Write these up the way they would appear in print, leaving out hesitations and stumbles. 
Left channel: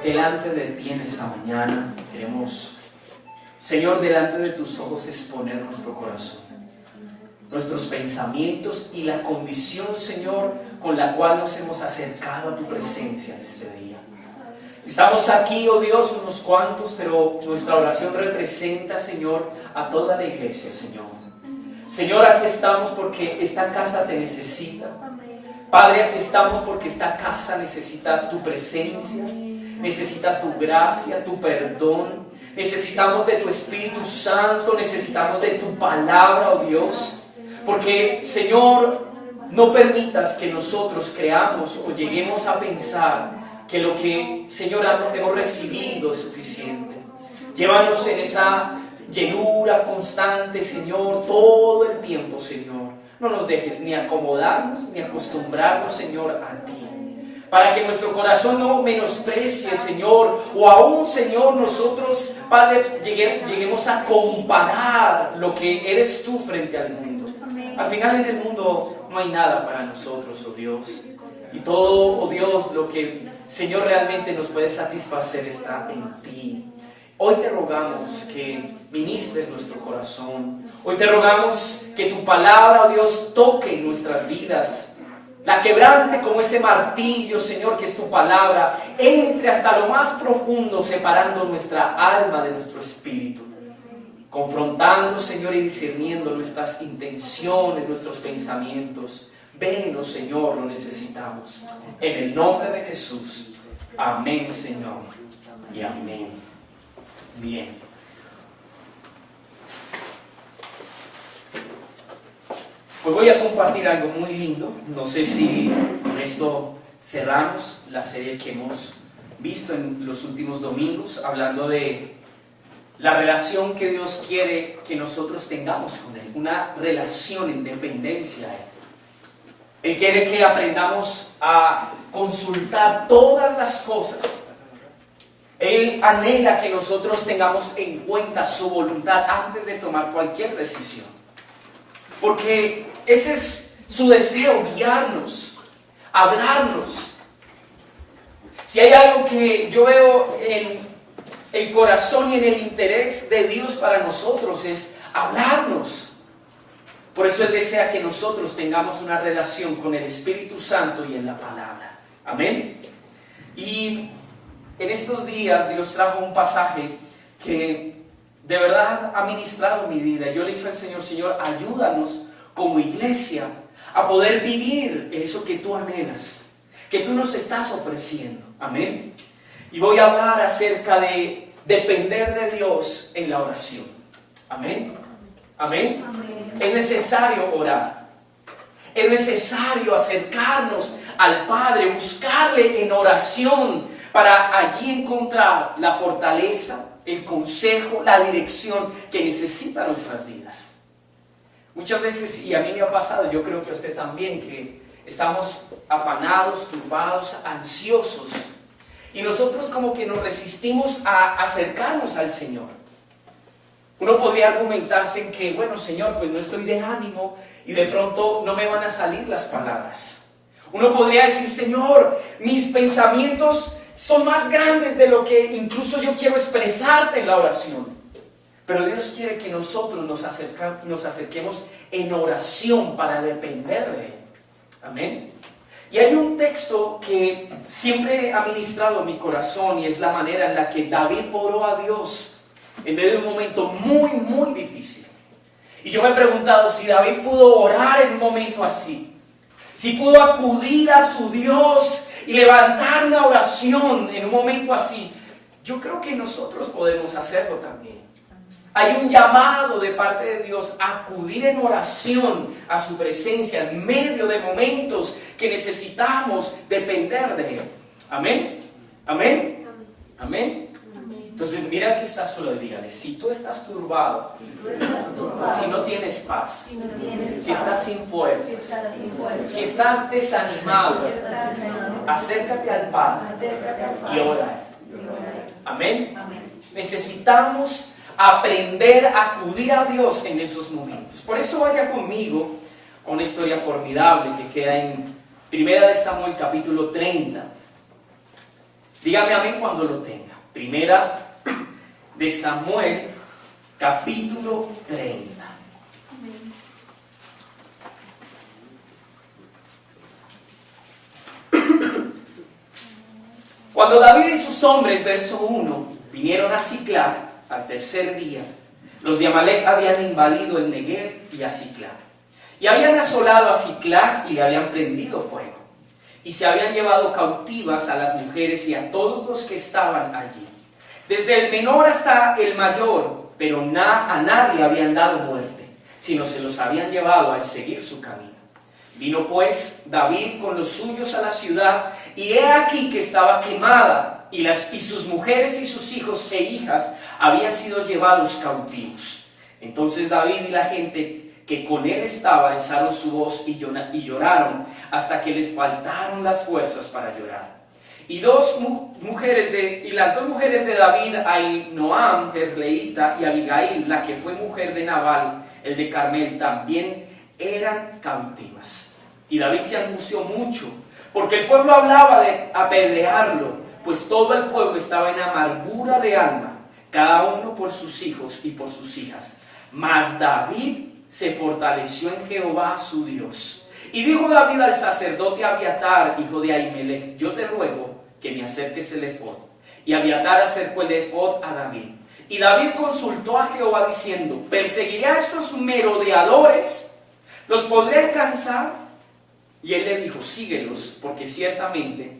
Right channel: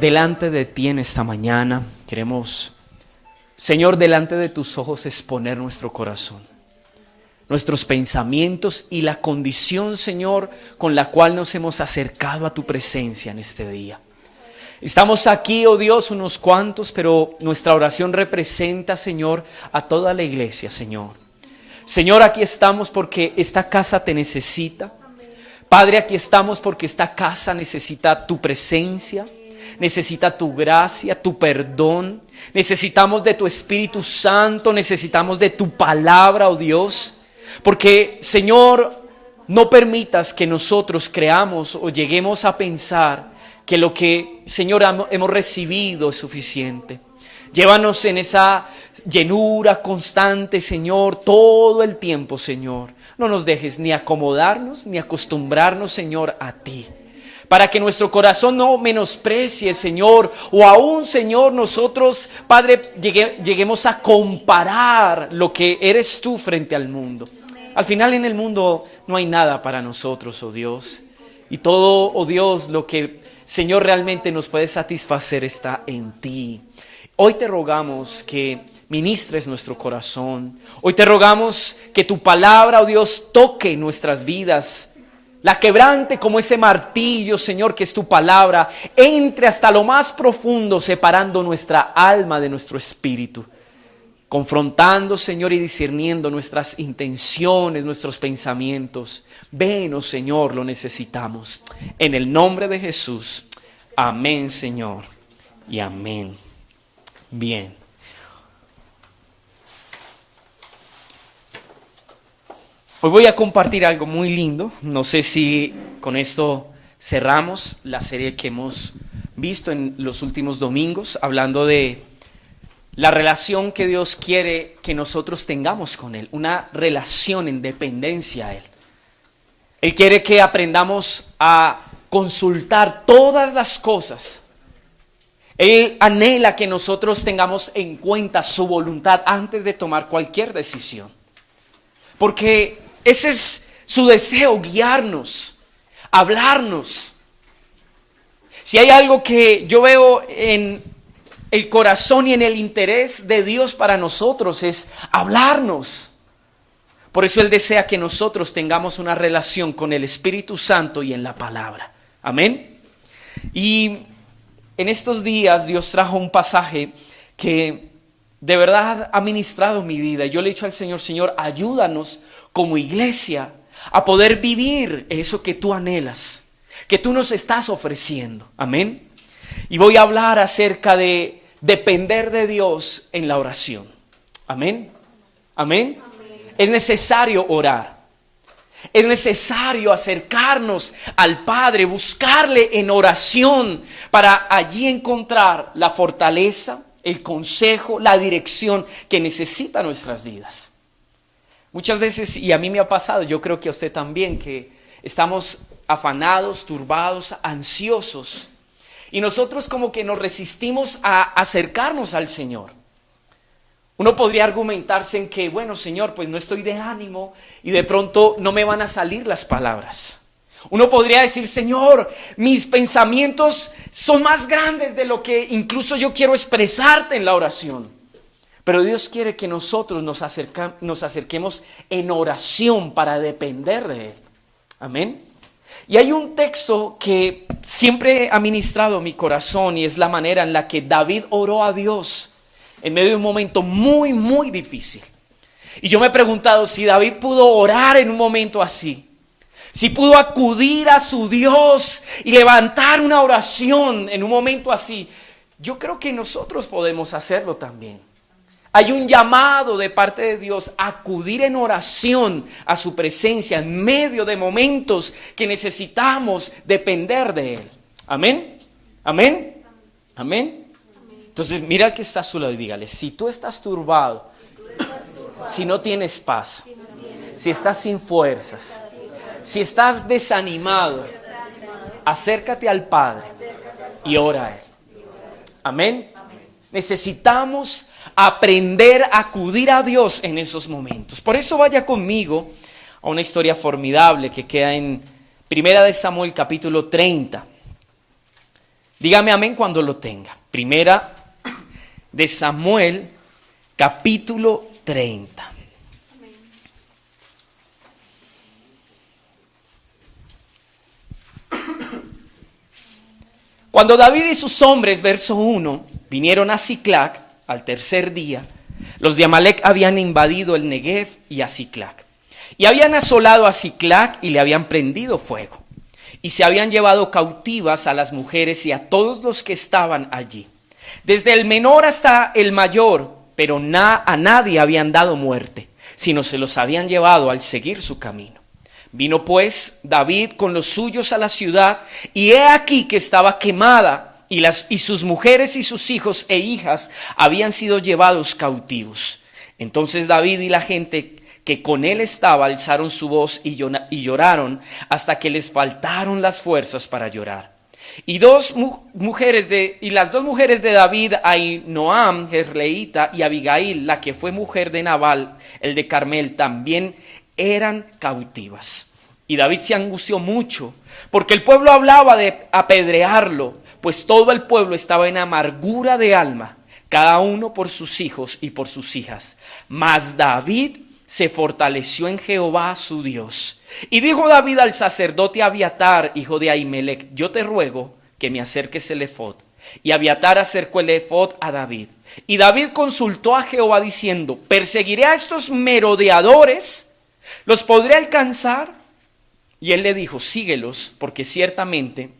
delante de ti en esta mañana. Queremos, Señor, delante de tus ojos exponer nuestro corazón, nuestros pensamientos y la condición, Señor, con la cual nos hemos acercado a tu presencia en este día. Estamos aquí, oh Dios, unos cuantos, pero nuestra oración representa, Señor, a toda la iglesia, Señor. Señor, aquí estamos porque esta casa te necesita. Padre, aquí estamos porque esta casa necesita tu presencia, necesita tu gracia, tu perdón. Necesitamos de tu Espíritu Santo, necesitamos de tu palabra, oh Dios. Porque, Señor, no permitas que nosotros creamos o lleguemos a pensar que lo que, Señor, hemos recibido es suficiente. Llévanos en esa llenura constante, Señor, todo el tiempo, Señor. No nos dejes ni acomodarnos ni acostumbrarnos, Señor, a ti. Para que nuestro corazón no menosprecie, Señor, o aún, Señor, nosotros, Padre, lleguemos a comparar lo que eres tú frente al mundo. Al final en el mundo no hay nada para nosotros, oh Dios. Y todo, oh Dios, lo que, Señor, realmente nos puede satisfacer está en ti. Hoy te rogamos que ministres nuestro corazón. Hoy te rogamos que tu palabra, oh Dios, toque nuestras vidas. La quebrante como ese martillo, Señor, que es tu palabra. Entre hasta lo más profundo, separando nuestra alma de nuestro espíritu. Confrontando, Señor, y discerniendo nuestras intenciones, nuestros pensamientos. Venos, Señor, lo necesitamos. En el nombre de Jesús. Amén, Señor. Y amén. Bien. Hoy voy a compartir algo muy lindo. No sé si con esto cerramos la serie que hemos visto en los últimos domingos, hablando de la relación que Dios quiere que nosotros tengamos con Él. Una relación en dependencia a Él. Él quiere que aprendamos a consultar todas las cosas. Él anhela que nosotros tengamos en cuenta su voluntad antes de tomar cualquier decisión. Porque ese es su deseo, guiarnos, hablarnos. Si hay algo que yo veo en el corazón y en el interés de Dios para nosotros es hablarnos. Por eso Él desea que nosotros tengamos una relación con el Espíritu Santo y en la palabra. Amén. Y en estos días Dios trajo un pasaje que de verdad ha ministrado mi vida. Yo le he dicho al Señor, Señor, ayúdanos como iglesia a poder vivir eso que tú anhelas, que tú nos estás ofreciendo. Amén. Y voy a hablar acerca de depender de Dios en la oración. Amén. Amén. Es necesario orar. Es necesario acercarnos al Padre, buscarle en oración para allí encontrar la fortaleza, el consejo, la dirección que necesitan nuestras vidas. Muchas veces, y a mí me ha pasado, yo creo que a usted también, que estamos afanados, turbados, ansiosos. Y nosotros como que nos resistimos a acercarnos al Señor. Uno podría argumentarse en que, bueno, Señor, pues no estoy de ánimo y de pronto no me van a salir las palabras. Uno podría decir, Señor, mis pensamientos son más grandes de lo que incluso yo quiero expresarte en la oración. Pero Dios quiere que nosotros nos acerquemos en oración para depender de Él. Amén. Y hay un texto que siempre ha ministrado mi corazón y es la manera en la que David oró a Dios en medio de un momento muy, muy difícil. Y yo me he preguntado si David pudo orar en un momento así. Si pudo acudir a su Dios y levantar una oración en un momento así. Yo creo que nosotros podemos hacerlo también. Hay un llamado de parte de Dios a acudir en oración a su presencia en medio de momentos que necesitamos depender de Él. Amén. Amén. Amén. Entonces mira al que está a su lado y dígale, si tú estás turbado, si no tienes paz, si estás sin fuerzas, si estás desanimado, acércate al Padre y ora a Él. Amén. Necesitamos aprender a acudir a Dios en esos momentos. Por eso vaya conmigo a una historia formidable que queda en 1 Samuel capítulo 30. Dígame amén cuando lo tenga. Primera de Samuel, capítulo 30. Cuando David y sus hombres, verso 1, vinieron a Siclag al tercer día, los de Amalec habían invadido el Negev y a Siclag. Y habían asolado a Siclag y le habían prendido fuego. Y se habían llevado cautivas a las mujeres y a todos los que estaban allí, desde el menor hasta el mayor, pero a nadie habían dado muerte, sino se los habían llevado al seguir su camino. Vino pues David con los suyos a la ciudad, y he aquí que estaba quemada, y sus mujeres y sus hijos e hijas habían sido llevados cautivos. Entonces David y la gente que con él estaba alzaron su voz y lloraron hasta que les faltaron las fuerzas para llorar. Y las dos mujeres de David, Ahinoam, Jezreelita, y Abigail, la que fue mujer de Nabal, el de Carmel, también eran cautivas. Y David se angustió mucho, porque el pueblo hablaba de apedrearlo, pues todo el pueblo estaba en amargura de alma, cada uno por sus hijos y por sus hijas. Mas David se fortaleció en Jehová su Dios. Y dijo David al sacerdote Abiatar, hijo de Ahimelech: yo te ruego que me acerques el efod. Y Abiatar acercó el efod a David. Y David consultó a Jehová diciendo: ¿perseguiré a estos merodeadores? ¿Los podré alcanzar? Y él le dijo: síguelos, porque ciertamente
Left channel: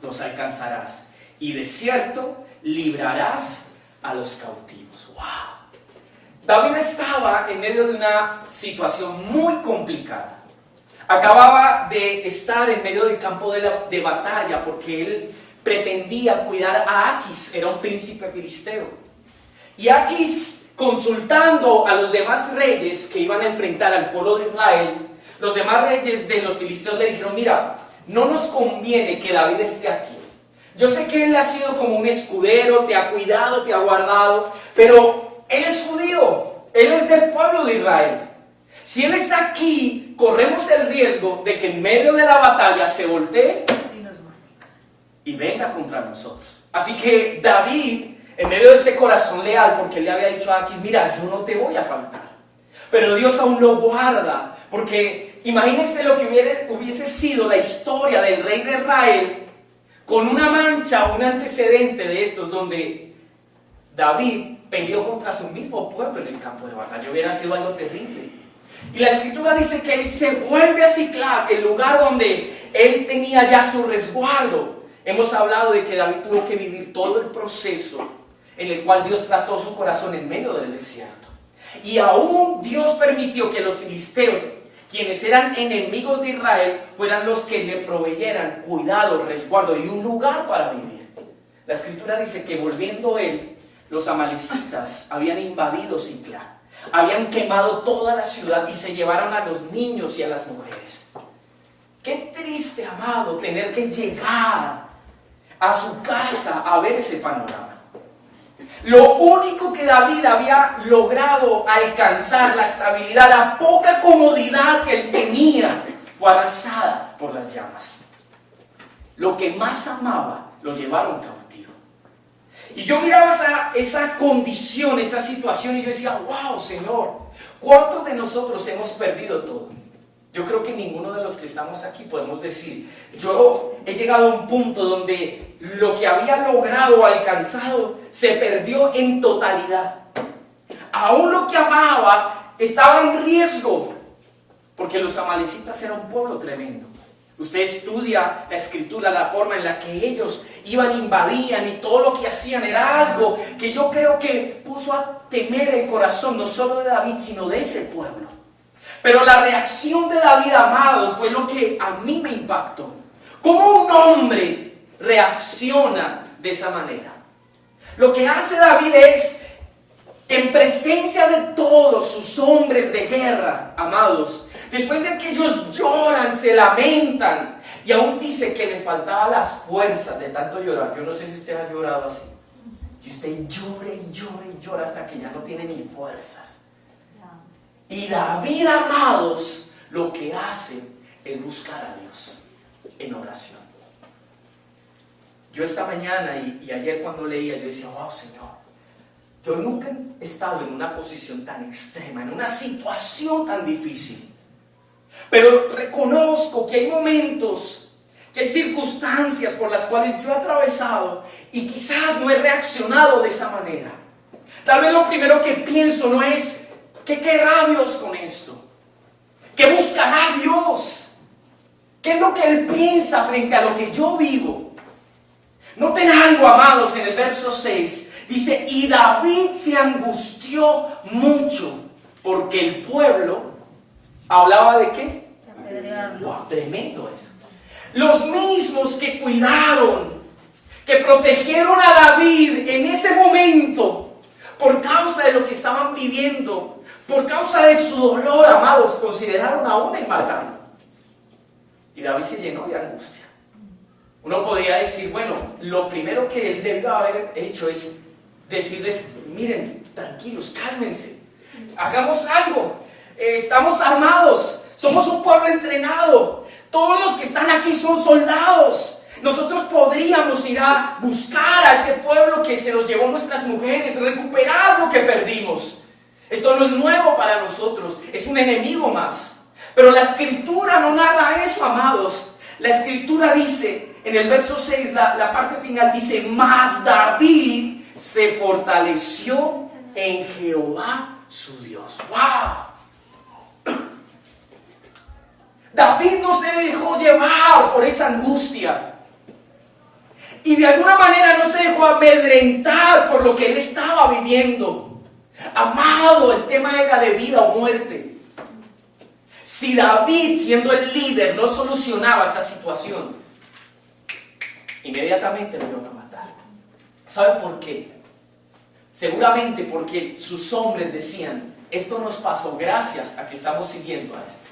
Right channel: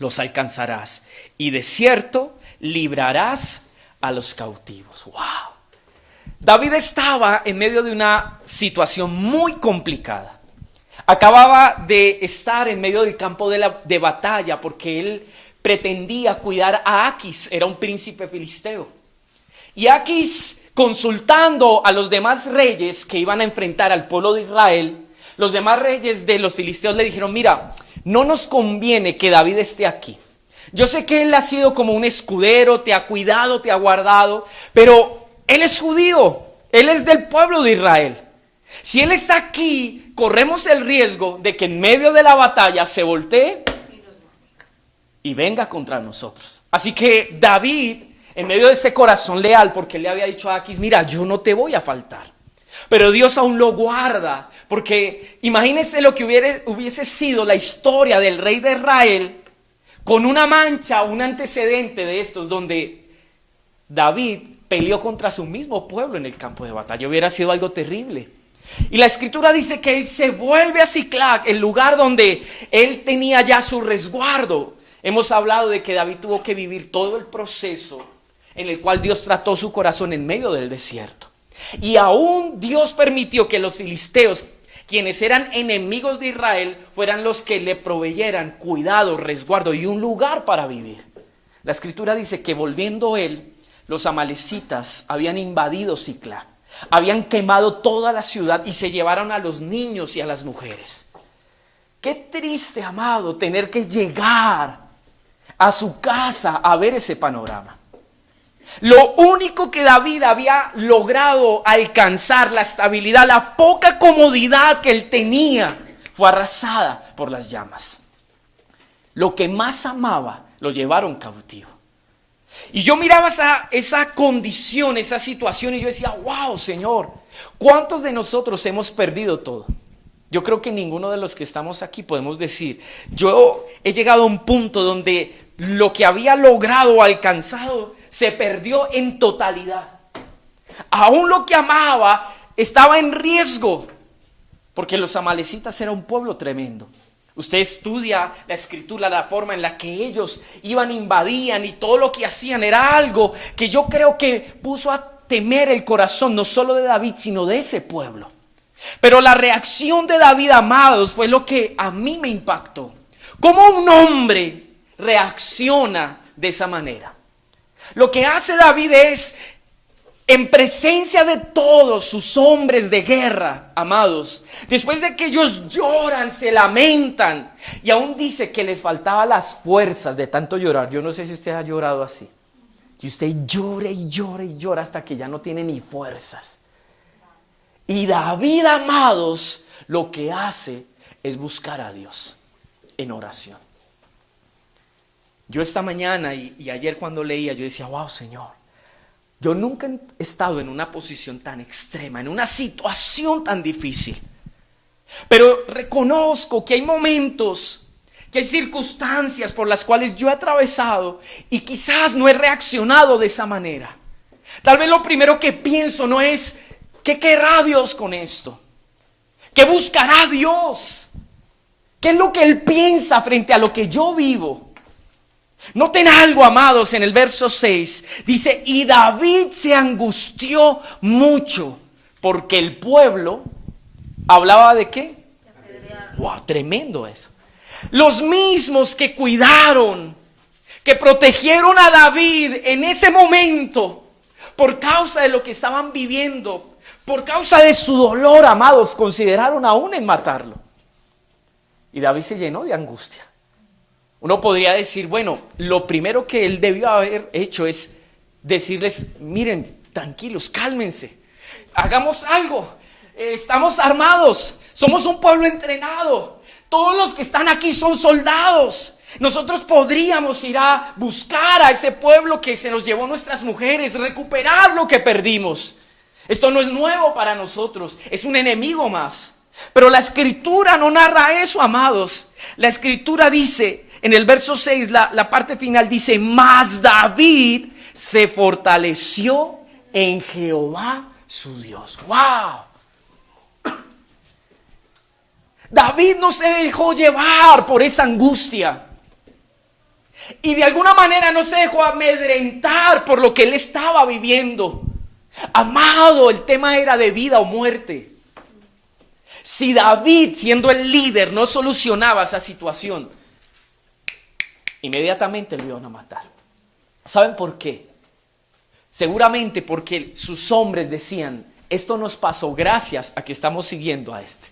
los alcanzarás, y de cierto librarás a los cautivos. ¡Wow! David estaba en medio de una situación muy complicada. Acababa de estar en medio del campo de batalla porque él pretendía cuidar a Aquis, era un príncipe filisteo. Y Aquis, consultando a los demás reyes que iban a enfrentar al pueblo de Israel, los demás reyes de los filisteos le dijeron: mira, no nos conviene que David esté aquí. Yo sé que él ha sido como un escudero, te ha cuidado, te ha guardado, pero él es judío, él es del pueblo de Israel. Si él está aquí, corremos el riesgo de que en medio de la batalla se voltee y venga contra nosotros. Así que David, en medio de ese corazón leal, porque le había dicho a Aquis: mira, yo no te voy a faltar. Pero Dios aún lo guarda, porque imagínense lo que hubiese sido la historia del rey de Israel con una mancha, un antecedente de estos, donde David peleó contra su mismo pueblo en el campo de batalla. Hubiera sido algo terrible. Y la escritura dice que él se vuelve a Siclag, el lugar donde él tenía ya su resguardo. Hemos hablado de que David tuvo que vivir todo el proceso en el cual Dios trató su corazón en medio del desierto. Y aún Dios permitió que los filisteos, quienes eran enemigos de Israel, fueran los que le proveyeran cuidado, resguardo y un lugar para vivir. La escritura dice que volviendo él, los amalecitas habían invadido Siclag, habían quemado toda la ciudad y se llevaron a los niños y a las mujeres. Qué triste, amado, tener que llegar a su casa a ver ese panorama. Lo único que David había logrado alcanzar, la estabilidad, la poca comodidad que él tenía, fue arrasada por las llamas. Lo que más amaba, lo llevaron cautivo. Y yo miraba esa condición, esa situación, y yo decía: wow, Señor, ¿cuántos de nosotros hemos perdido todo? Yo creo que ninguno de los que estamos aquí podemos decir: yo he llegado a un punto donde lo que había logrado o alcanzado se perdió en totalidad. Aún lo que amaba estaba en riesgo, porque los amalecitas eran un pueblo tremendo. Usted estudia la escritura, la forma en la que ellos iban, invadían, y todo lo que hacían era algo que yo creo que puso a temer el corazón no solo de David, sino de ese pueblo. Pero la reacción de David, amados, fue lo que a mí me impactó. ¿Cómo un hombre reacciona de esa manera? Lo que hace David es, en presencia de todos sus hombres de guerra, amados, después de que ellos lloran, se lamentan, y aún dice que les faltaban las fuerzas de tanto llorar. Yo no sé si usted ha llorado así, y usted llora y llora y llora hasta que ya no tiene ni fuerzas. Y David, amados, lo que hace es buscar a Dios en oración. Yo esta mañana y ayer cuando leía, yo decía, wow, Señor, yo nunca he estado en una posición tan extrema, en una situación tan difícil. Pero reconozco que hay momentos, que hay circunstancias por las cuales yo he atravesado y quizás no he reaccionado de esa manera. Tal vez lo primero que pienso no es, ¿qué querrá Dios con esto? ¿Qué buscará Dios? ¿Qué es lo que Él piensa frente a lo que yo vivo? Noten algo, amados, en el verso 6. Dice, y David se angustió mucho porque el pueblo hablaba de ¿qué? Wow, tremendo eso. Los mismos que cuidaron, que protegieron a David en ese momento, por causa de lo que estaban viviendo, por causa de su dolor, amados, consideraron aún en matarlo. Y David se llenó de angustia. Uno podría decir, bueno, lo primero que él debió haber hecho es decirles, miren, tranquilos, cálmense, hagamos algo, estamos armados, somos un pueblo entrenado, todos los que están aquí son soldados. Nosotros podríamos ir a buscar a ese pueblo que se nos llevó nuestras mujeres, recuperar lo que perdimos. Esto no es nuevo para nosotros, es un enemigo más. Pero la Escritura no narra eso, amados. La Escritura dice, en el verso 6, la parte final dice, mas David se fortaleció en Jehová su Dios. ¡Wow! David no se dejó llevar por esa angustia. Y de alguna manera no se dejó amedrentar por lo que él estaba viviendo. Amado, el tema era de vida o muerte. Si David, siendo el líder, no solucionaba esa situación, inmediatamente lo iban a matar. ¿Saben por qué? Seguramente porque sus hombres decían, esto nos pasó gracias a que estamos siguiendo a este.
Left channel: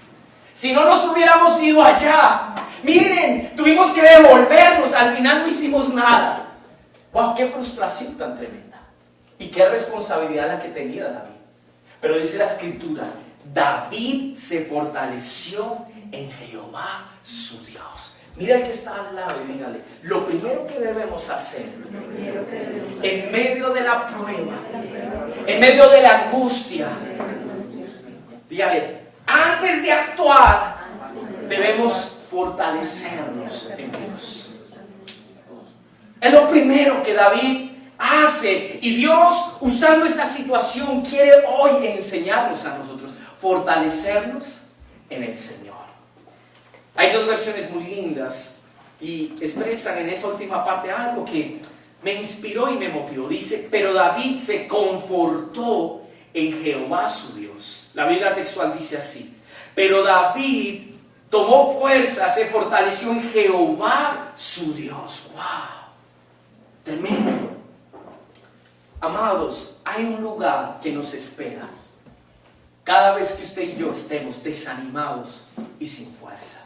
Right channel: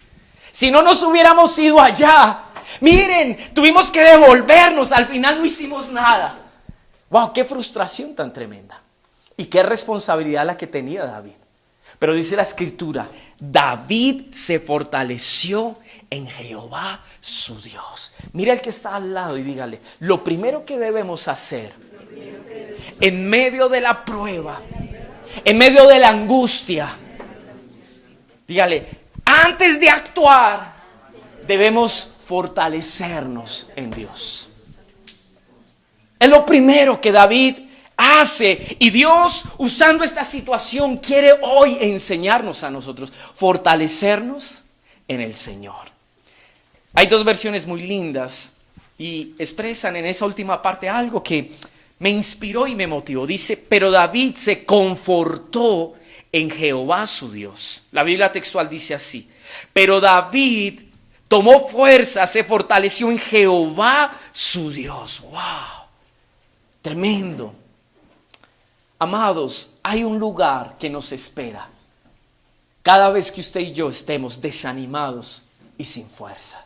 Si no nos hubiéramos ido allá, miren, tuvimos que devolvernos, al final no hicimos nada. ¡Wow! ¡Qué frustración tan tremenda! Y qué responsabilidad la que tenía David. Pero dice la Escritura, David se fortaleció en Jehová su Dios. Mira el que está al lado y dígale, lo primero que debemos hacer en medio de la prueba, en medio de la angustia, dígale, antes de actuar, debemos fortalecernos en Dios. Es lo primero que David hace. Y Dios, usando esta situación, quiere hoy enseñarnos a nosotros, fortalecernos en el Señor. Hay dos versiones muy lindas y expresan en esa última parte algo que me inspiró y me motivó. Dice, pero David se confortó en Jehová su Dios. La Biblia textual dice así, pero David tomó fuerza, se fortaleció en Jehová su Dios. ¡Wow! Tremendo. Amados, hay un lugar que nos espera cada vez que usted y yo estemos desanimados y sin fuerzas.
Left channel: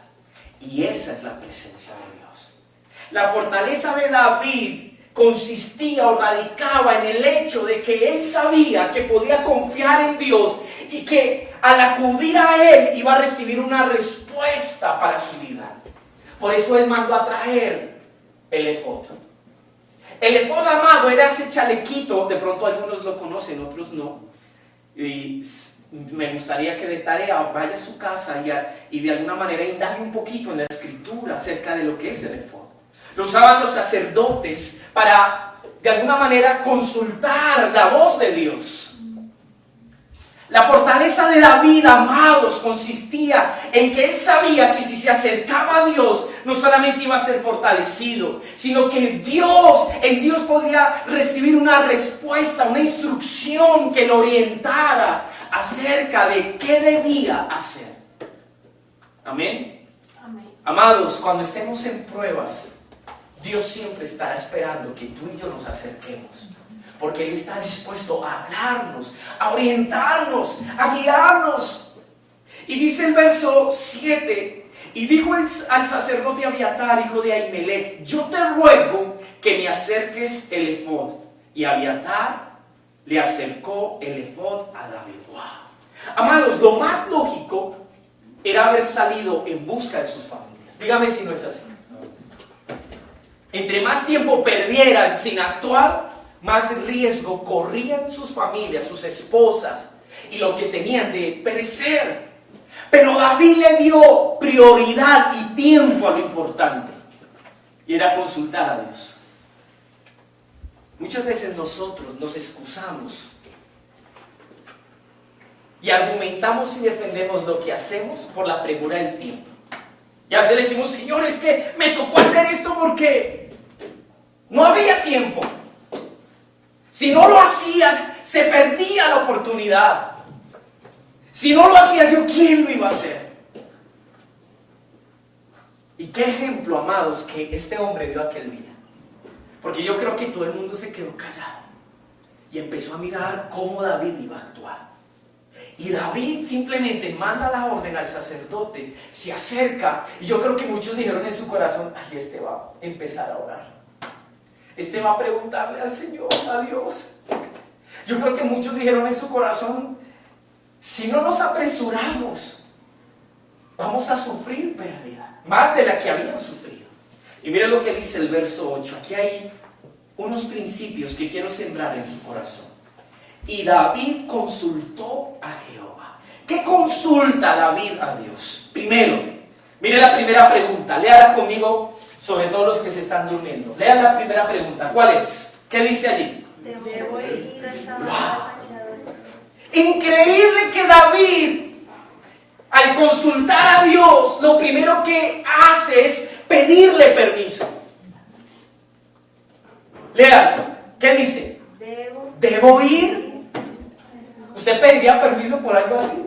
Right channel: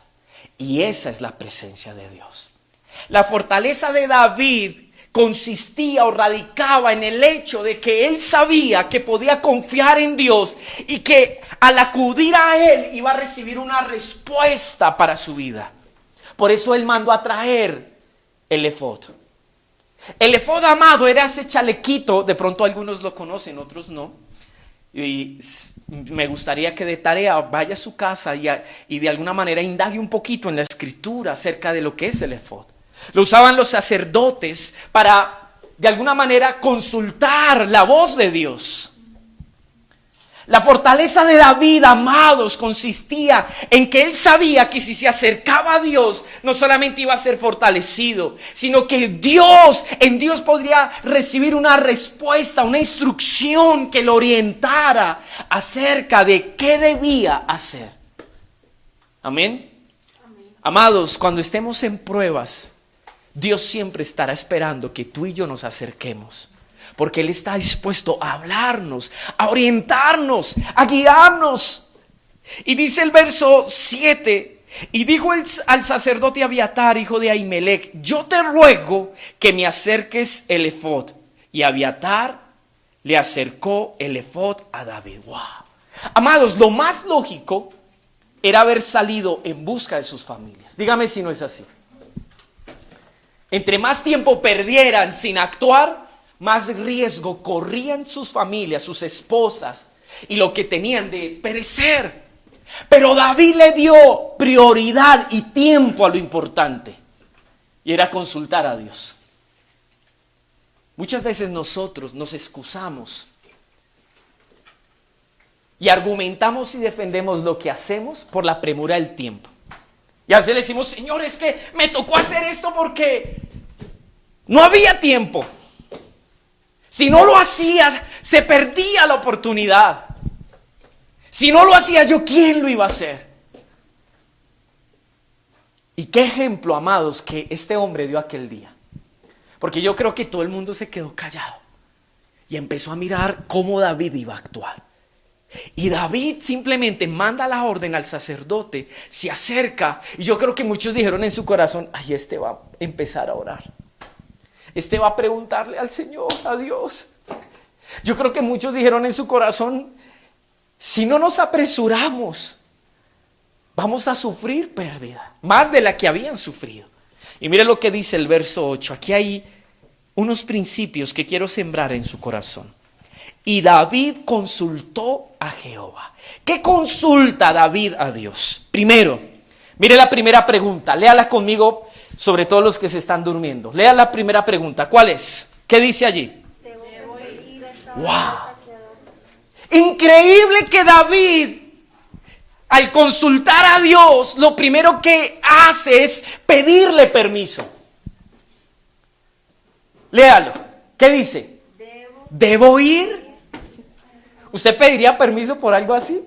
Y esa es la presencia de Dios. La fortaleza de David consistía o radicaba en el hecho de que él sabía que podía confiar en Dios y que al acudir a él iba a recibir una respuesta para su vida. Por eso él mandó a traer el efod. El efod, amado, era ese chalequito, de pronto algunos lo conocen, otros no. Y me gustaría que de tarea vaya a su casa y de alguna manera indague un poquito en la Escritura acerca de lo que es el efod. Lo usaban los sacerdotes para, de alguna manera, consultar la voz de Dios. La fortaleza de David, amados, consistía en que él sabía que si se acercaba a Dios, no solamente iba a ser fortalecido, sino que en Dios podría recibir una respuesta, una instrucción que lo orientara acerca de qué debía hacer. Amén. Amén. Amados, cuando estemos en pruebas, Dios siempre estará esperando que tú y yo nos acerquemos. Porque Él está dispuesto a hablarnos, a orientarnos, a guiarnos. Y dice el verso 7, y dijo al sacerdote Abiatar, hijo de Ahimelech, yo te ruego que me acerques el efod. Y Abiatar le acercó el efod a David. ¡Wow! Amados, lo más lógico era haber salido en busca de sus familias. Dígame si no es así. Entre más tiempo perdieran sin actuar, más riesgo corrían sus familias, sus esposas y lo que tenían de perecer. Pero David le dio prioridad y tiempo a lo importante, y era consultar a Dios. Muchas veces nosotros nos excusamos y argumentamos y defendemos lo que hacemos por la premura del tiempo. Y a veces le decimos, Señor, es que me tocó hacer esto porque no había tiempo. Si no lo hacías, se perdía la oportunidad. Si no lo hacía yo, ¿quién lo iba a hacer? Y qué ejemplo, amados, que este hombre dio aquel día. Porque yo creo que todo el mundo se quedó callado y empezó a mirar cómo David iba a actuar. Y David simplemente manda la orden al sacerdote, se acerca, y yo creo que muchos dijeron en su corazón, ay, este va a empezar a orar. Este va a preguntarle al Señor, a Dios. Yo creo que muchos dijeron en su corazón, si no nos apresuramos, vamos a sufrir pérdida, más de la que habían sufrido. Y mire lo que dice el verso 8. Aquí hay unos principios que quiero sembrar en su corazón. Y David consultó a Jehová. ¿Qué consulta David a Dios? Primero, mire la primera pregunta. Léala conmigo, sobre todo los que se están durmiendo. Lea la primera pregunta. ¿Cuál es? ¿Qué dice allí? ¡Wow! Increíble que David, al consultar a Dios, lo primero que hace es pedirle permiso. Léalo. ¿Qué dice? ¿Debo ir? ¿Usted pediría permiso por algo así?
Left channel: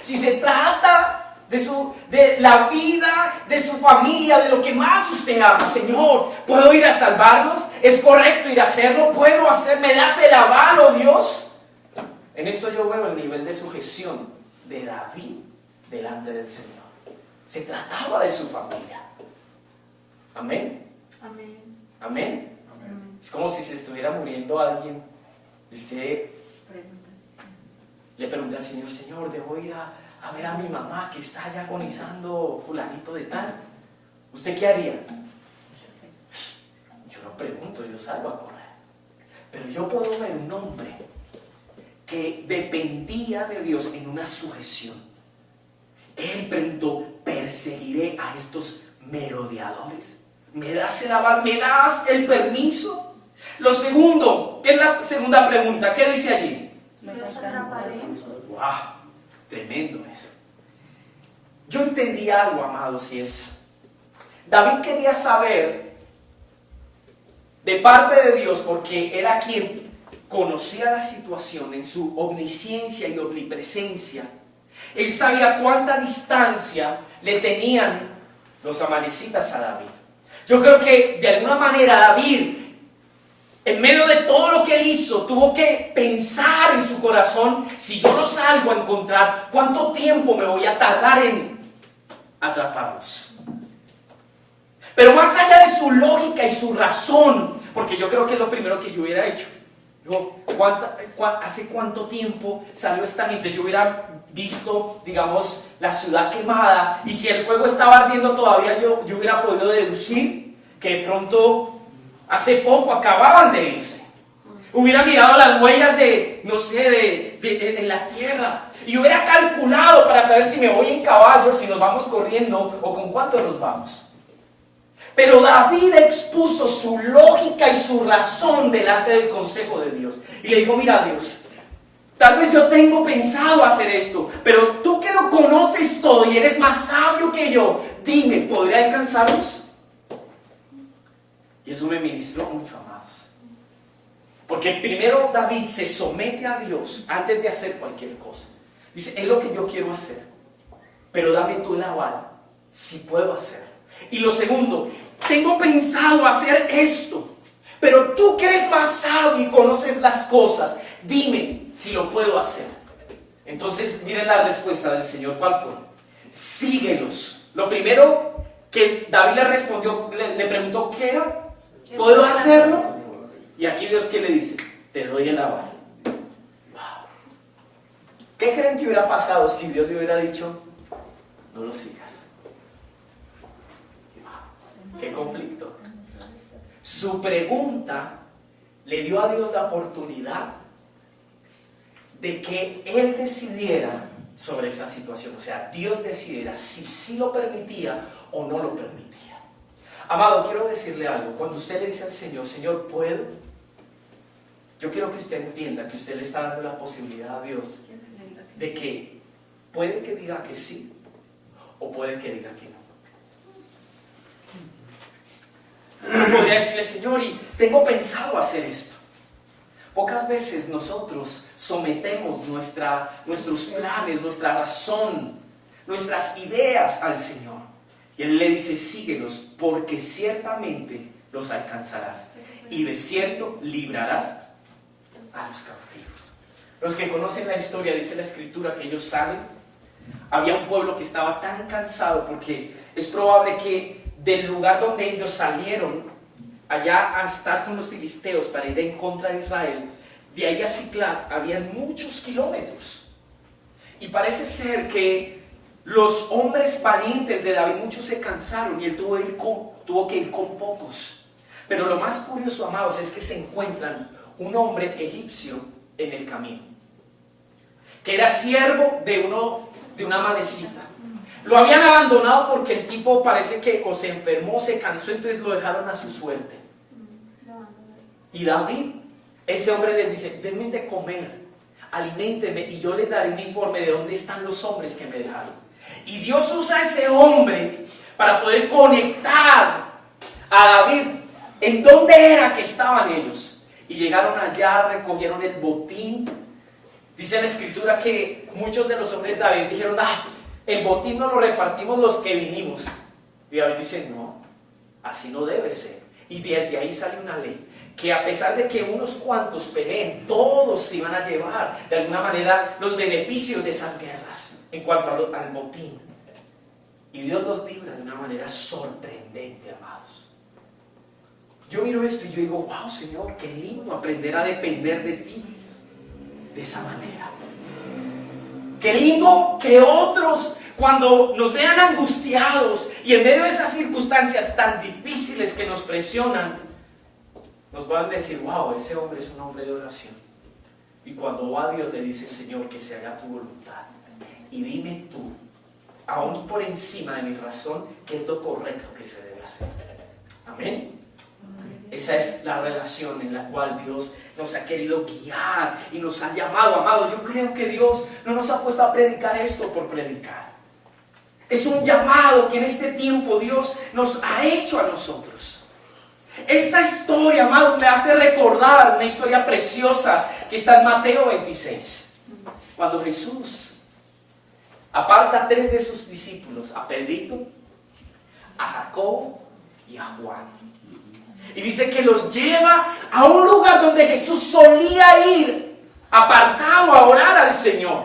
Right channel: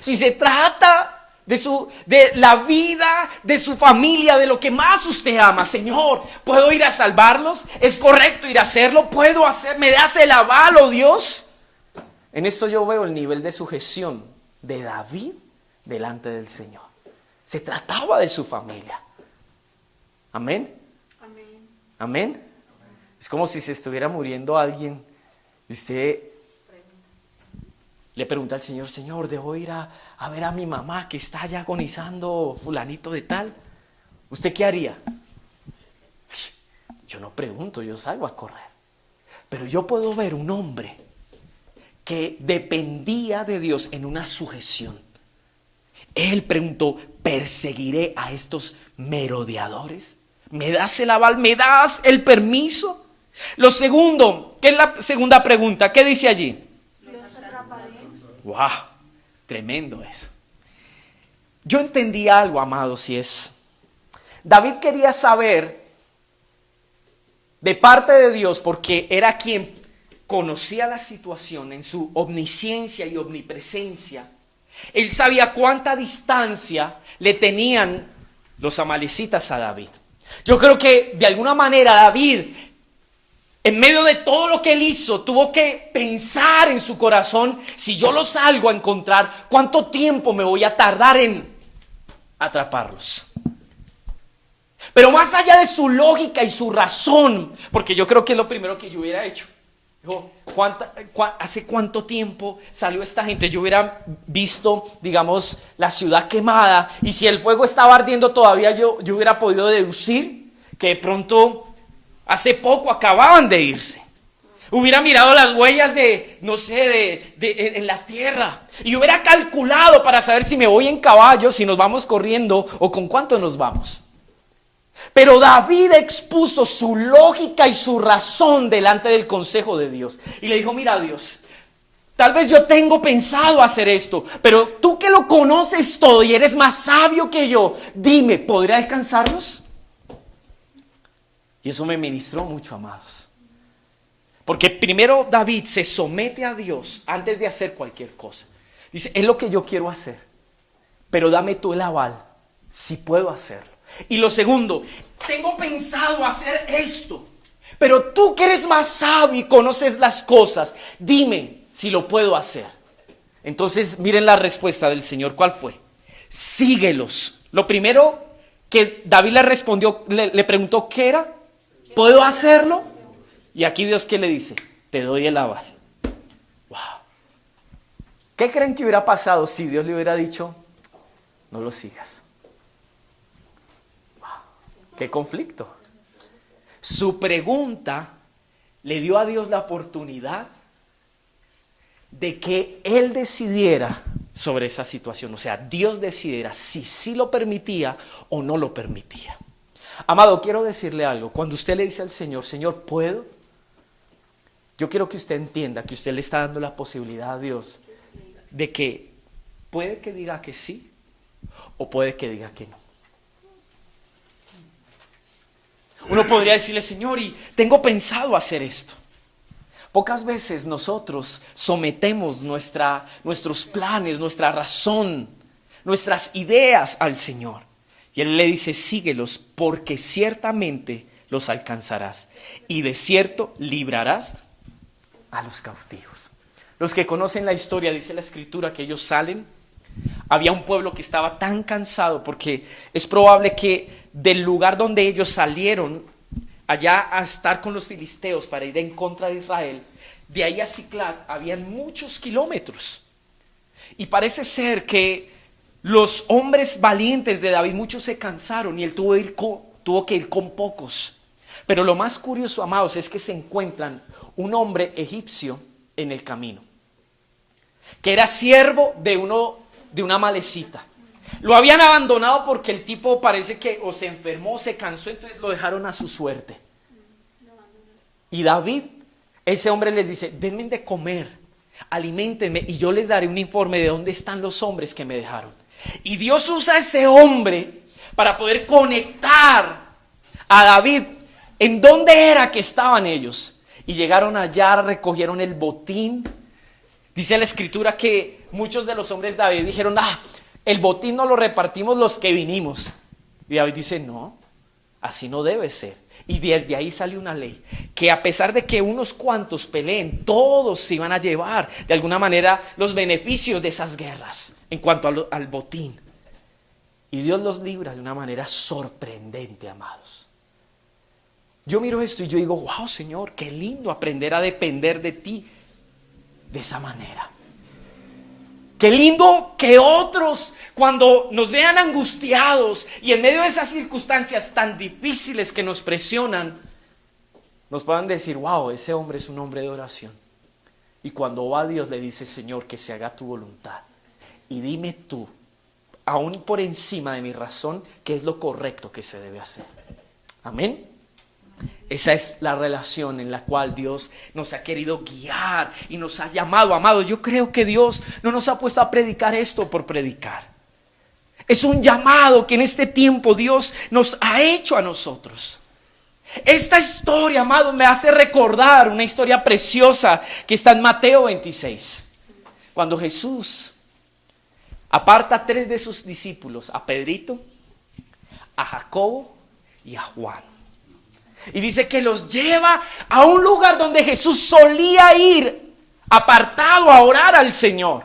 Si se trata de la vida, de su familia, de lo que más usted ama. Señor, ¿puedo ir a salvarlos? ¿Es correcto ir a hacerlo? ¿Puedo hacer? ¿Me das el aval, oh Dios? En esto yo veo el nivel de sujeción de David delante del Señor. Se trataba de su familia. ¿Amén? Amén. ¿Amén? Es como si se estuviera muriendo alguien y usted le pregunta al Señor, Señor, ¿debo ir a ver a mi mamá que está ya agonizando, fulanito de tal? ¿Usted qué haría? Yo no pregunto, yo salgo a correr. Pero yo puedo ver un hombre que dependía de Dios en una sujeción. Él preguntó, ¿perseguiré a estos merodeadores? ¿Me das el aval? ¿Me das el permiso? Lo segundo, ¿qué es la segunda pregunta? ¿Qué dice allí? ¡Wow! Tremendo eso. Yo entendí algo, amados, y es, David quería saber de parte de Dios, porque era quien conocía la situación en su omnisciencia y omnipresencia. Él sabía cuánta distancia le tenían los amalecitas a David. Yo creo que de alguna manera David, en medio de todo lo que él hizo, tuvo que pensar en su corazón, si yo los salgo a encontrar, ¿cuánto tiempo me voy a tardar en atraparlos? Pero más allá de su lógica y su razón, porque yo creo que es lo primero que yo hubiera hecho. ¿Hace cuánto tiempo salió esta gente? Yo hubiera visto, digamos, la ciudad quemada, y si el fuego estaba ardiendo todavía, yo hubiera podido deducir que de pronto hace poco acababan de irse. Hubiera mirado las huellas en la tierra, y hubiera calculado para saber si me voy en caballo, si nos vamos corriendo o con cuánto nos vamos. Pero David expuso su lógica y su razón delante del consejo de Dios. Y le dijo, mira Dios, tal vez yo tengo pensado hacer esto, pero tú que lo conoces todo y eres más sabio que yo, dime, ¿podré alcanzarlos? Y eso me ministró mucho, amados. Porque primero David se somete a Dios antes de hacer cualquier cosa. Dice, es lo que yo quiero hacer, pero dame tú el aval, si puedo hacerlo. Y lo segundo, tengo pensado hacer esto, pero tú que eres más sabio y conoces las cosas, dime si lo puedo hacer. Entonces miren la respuesta del Señor. ¿Cuál fue? Síguelos. Lo primero que David le respondió, le preguntó ¿qué era? ¿Puedo hacerlo? Y aquí Dios ¿qué le dice? Te doy el aval. Wow. ¿Qué creen que hubiera pasado si Dios le hubiera dicho no lo sigas? ¡Qué conflicto! Su pregunta le dio a Dios la oportunidad de que Él decidiera sobre esa situación. O sea, Dios decidiera si sí lo permitía o no lo permitía. Amado, quiero decirle algo. Cuando usted le dice al Señor, Señor, ¿puedo? Yo quiero que usted entienda que usted le está dando la posibilidad a Dios de que puede que diga que sí o puede que diga que no. Uno podría decirle, Señor, y tengo pensado hacer esto. Pocas veces nosotros sometemos nuestros planes, nuestra razón, nuestras ideas al Señor. Y Él le dice, síguelos, porque ciertamente los alcanzarás. Y de cierto librarás a los cautivos. Los que conocen la historia, dice la Escritura, que ellos salen. Había un pueblo que estaba tan cansado, porque es probable que del lugar donde ellos salieron allá a estar con los filisteos para ir en contra de Israel, de ahí a Siclag había muchos kilómetros. Y parece ser que los hombres valientes de David, muchos se cansaron y él tuvo que ir con pocos. Pero lo más curioso, amados, es que se encuentran un hombre egipcio en el camino, que era siervo de una malecita. Lo habían abandonado porque el tipo parece que o se enfermó, se cansó, entonces lo dejaron a su suerte. Y David, ese hombre les dice, denme de comer, aliméntenme y yo les daré un informe de dónde están los hombres que me dejaron. Y Dios usa a ese hombre para poder conectar a David en dónde era que estaban ellos. Y llegaron allá, recogieron el botín. Dice la Escritura que muchos de los hombres de David dijeron, el botín no lo repartimos los que vinimos. Y David dice, no, así no debe ser. Y desde ahí sale una ley, que a pesar de que unos cuantos peleen, todos se iban a llevar de alguna manera los beneficios de esas guerras en cuanto al botín. Y Dios los libra de una manera sorprendente, amados. Yo miro esto y yo digo, wow, Señor, qué lindo aprender a depender de ti de esa manera. Qué lindo que otros, cuando nos vean angustiados y en medio de esas circunstancias tan difíciles que nos presionan, nos puedan decir, wow, ese hombre es un hombre de oración. Y cuando va a Dios le dice, Señor, que se haga tu voluntad. Y dime tú, aún por encima de mi razón, qué es lo correcto que se debe hacer. Amén. Esa es la relación en la cual Dios nos ha querido guiar y nos ha llamado, amado. Yo creo que Dios no nos ha puesto a predicar esto por predicar. Es un llamado que en este tiempo Dios nos ha hecho a nosotros. Esta historia, amado, me hace recordar una historia preciosa que está en Mateo 26. Cuando Jesús aparta a 3 de sus discípulos, a Pedrito, a Jacobo y a Juan. Y dice que los lleva a un lugar donde Jesús solía ir, apartado a orar al Señor.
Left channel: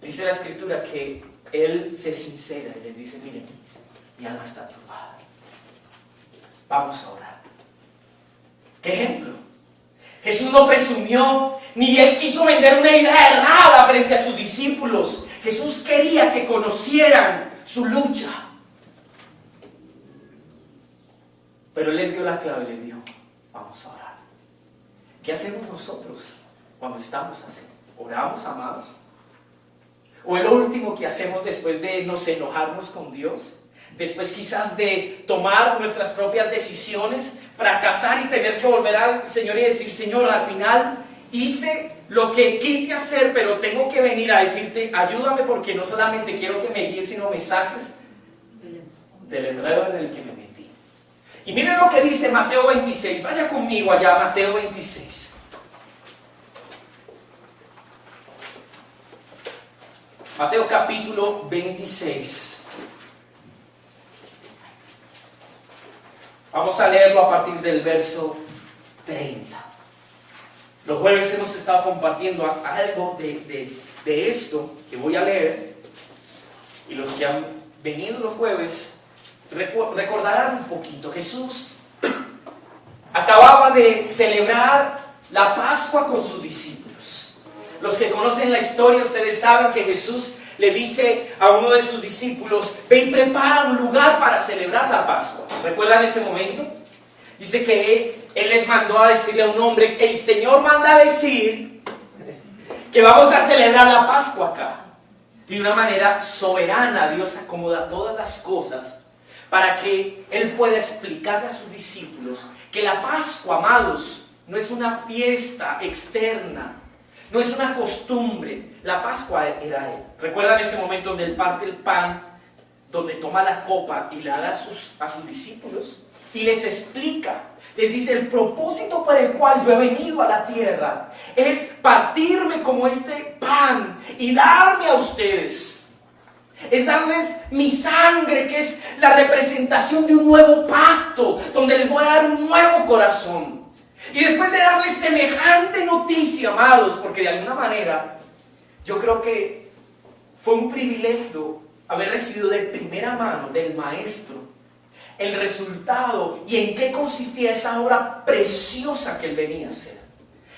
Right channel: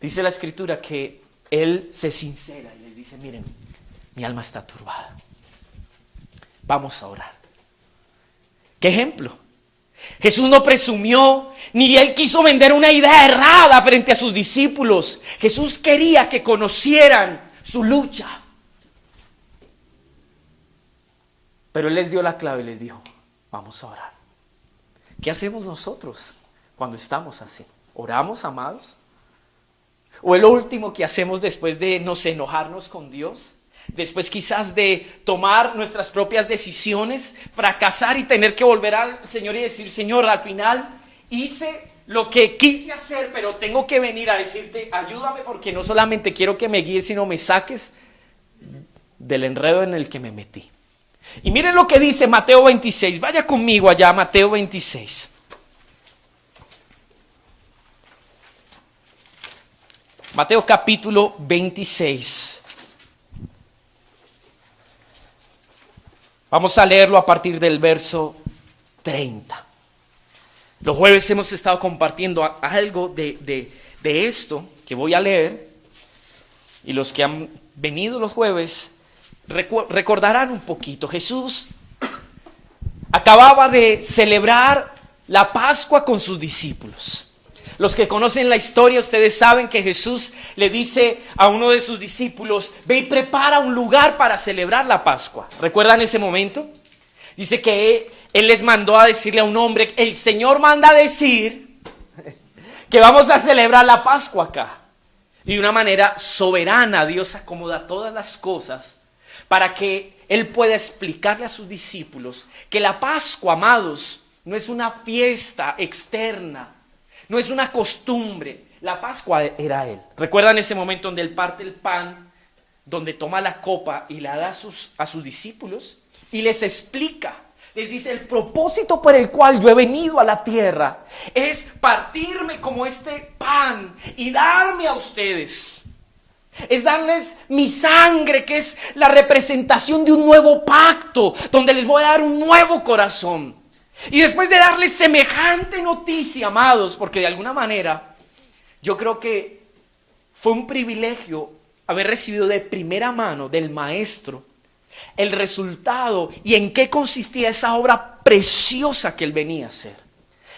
Dice la Escritura que Él se sincera y les dice, miren, mi alma está turbada. Vamos a orar. ¿Qué ejemplo? Jesús no presumió, ni Él quiso vender una idea errada frente a sus discípulos. Jesús quería que conocieran su lucha. Pero Él les dio la clave y les dijo, vamos a orar. ¿Qué hacemos nosotros cuando estamos así? ¿Oramos, amados? ¿O es lo último que hacemos después de nos enojarnos con Dios? Después quizás de tomar nuestras propias decisiones, fracasar y tener que volver al Señor y decir, Señor, al final hice lo que quise hacer, pero tengo que venir a decirte, ayúdame porque no solamente quiero que me guíes, sino me saques del enredo en el que me metí. Y miren lo que dice Mateo 26. Vaya conmigo allá, Mateo 26. Mateo capítulo 26. Vamos a leerlo a partir del verso 30. Los jueves hemos estado compartiendo algo de esto que voy a leer. Y los que han venido los jueves recordarán un poquito. Jesús acababa de celebrar la Pascua con sus discípulos. Los que conocen la historia, ustedes saben que Jesús le dice a uno de sus discípulos, ve y prepara un lugar para celebrar la Pascua. ¿Recuerdan ese momento? Dice que él les mandó a decirle a un hombre, el Señor manda a decir que vamos a celebrar la Pascua acá. Y de una manera soberana Dios acomoda todas las cosas para que Él pueda explicarle a sus discípulos que la Pascua, amados, no es una fiesta externa, no es una costumbre. La Pascua era Él. ¿Recuerdan ese momento donde Él parte el pan, donde toma la copa y la da a sus discípulos? Y les explica, les dice, el propósito por el cual yo he venido a la tierra es partirme como este pan y darme a ustedes. Es darles mi sangre, que es la representación de un nuevo pacto, donde les voy a dar un nuevo corazón. Y después de darles semejante noticia, amados, porque de alguna manera yo creo que fue un privilegio haber recibido de primera mano del Maestro el resultado y en qué consistía esa obra preciosa que Él venía a hacer.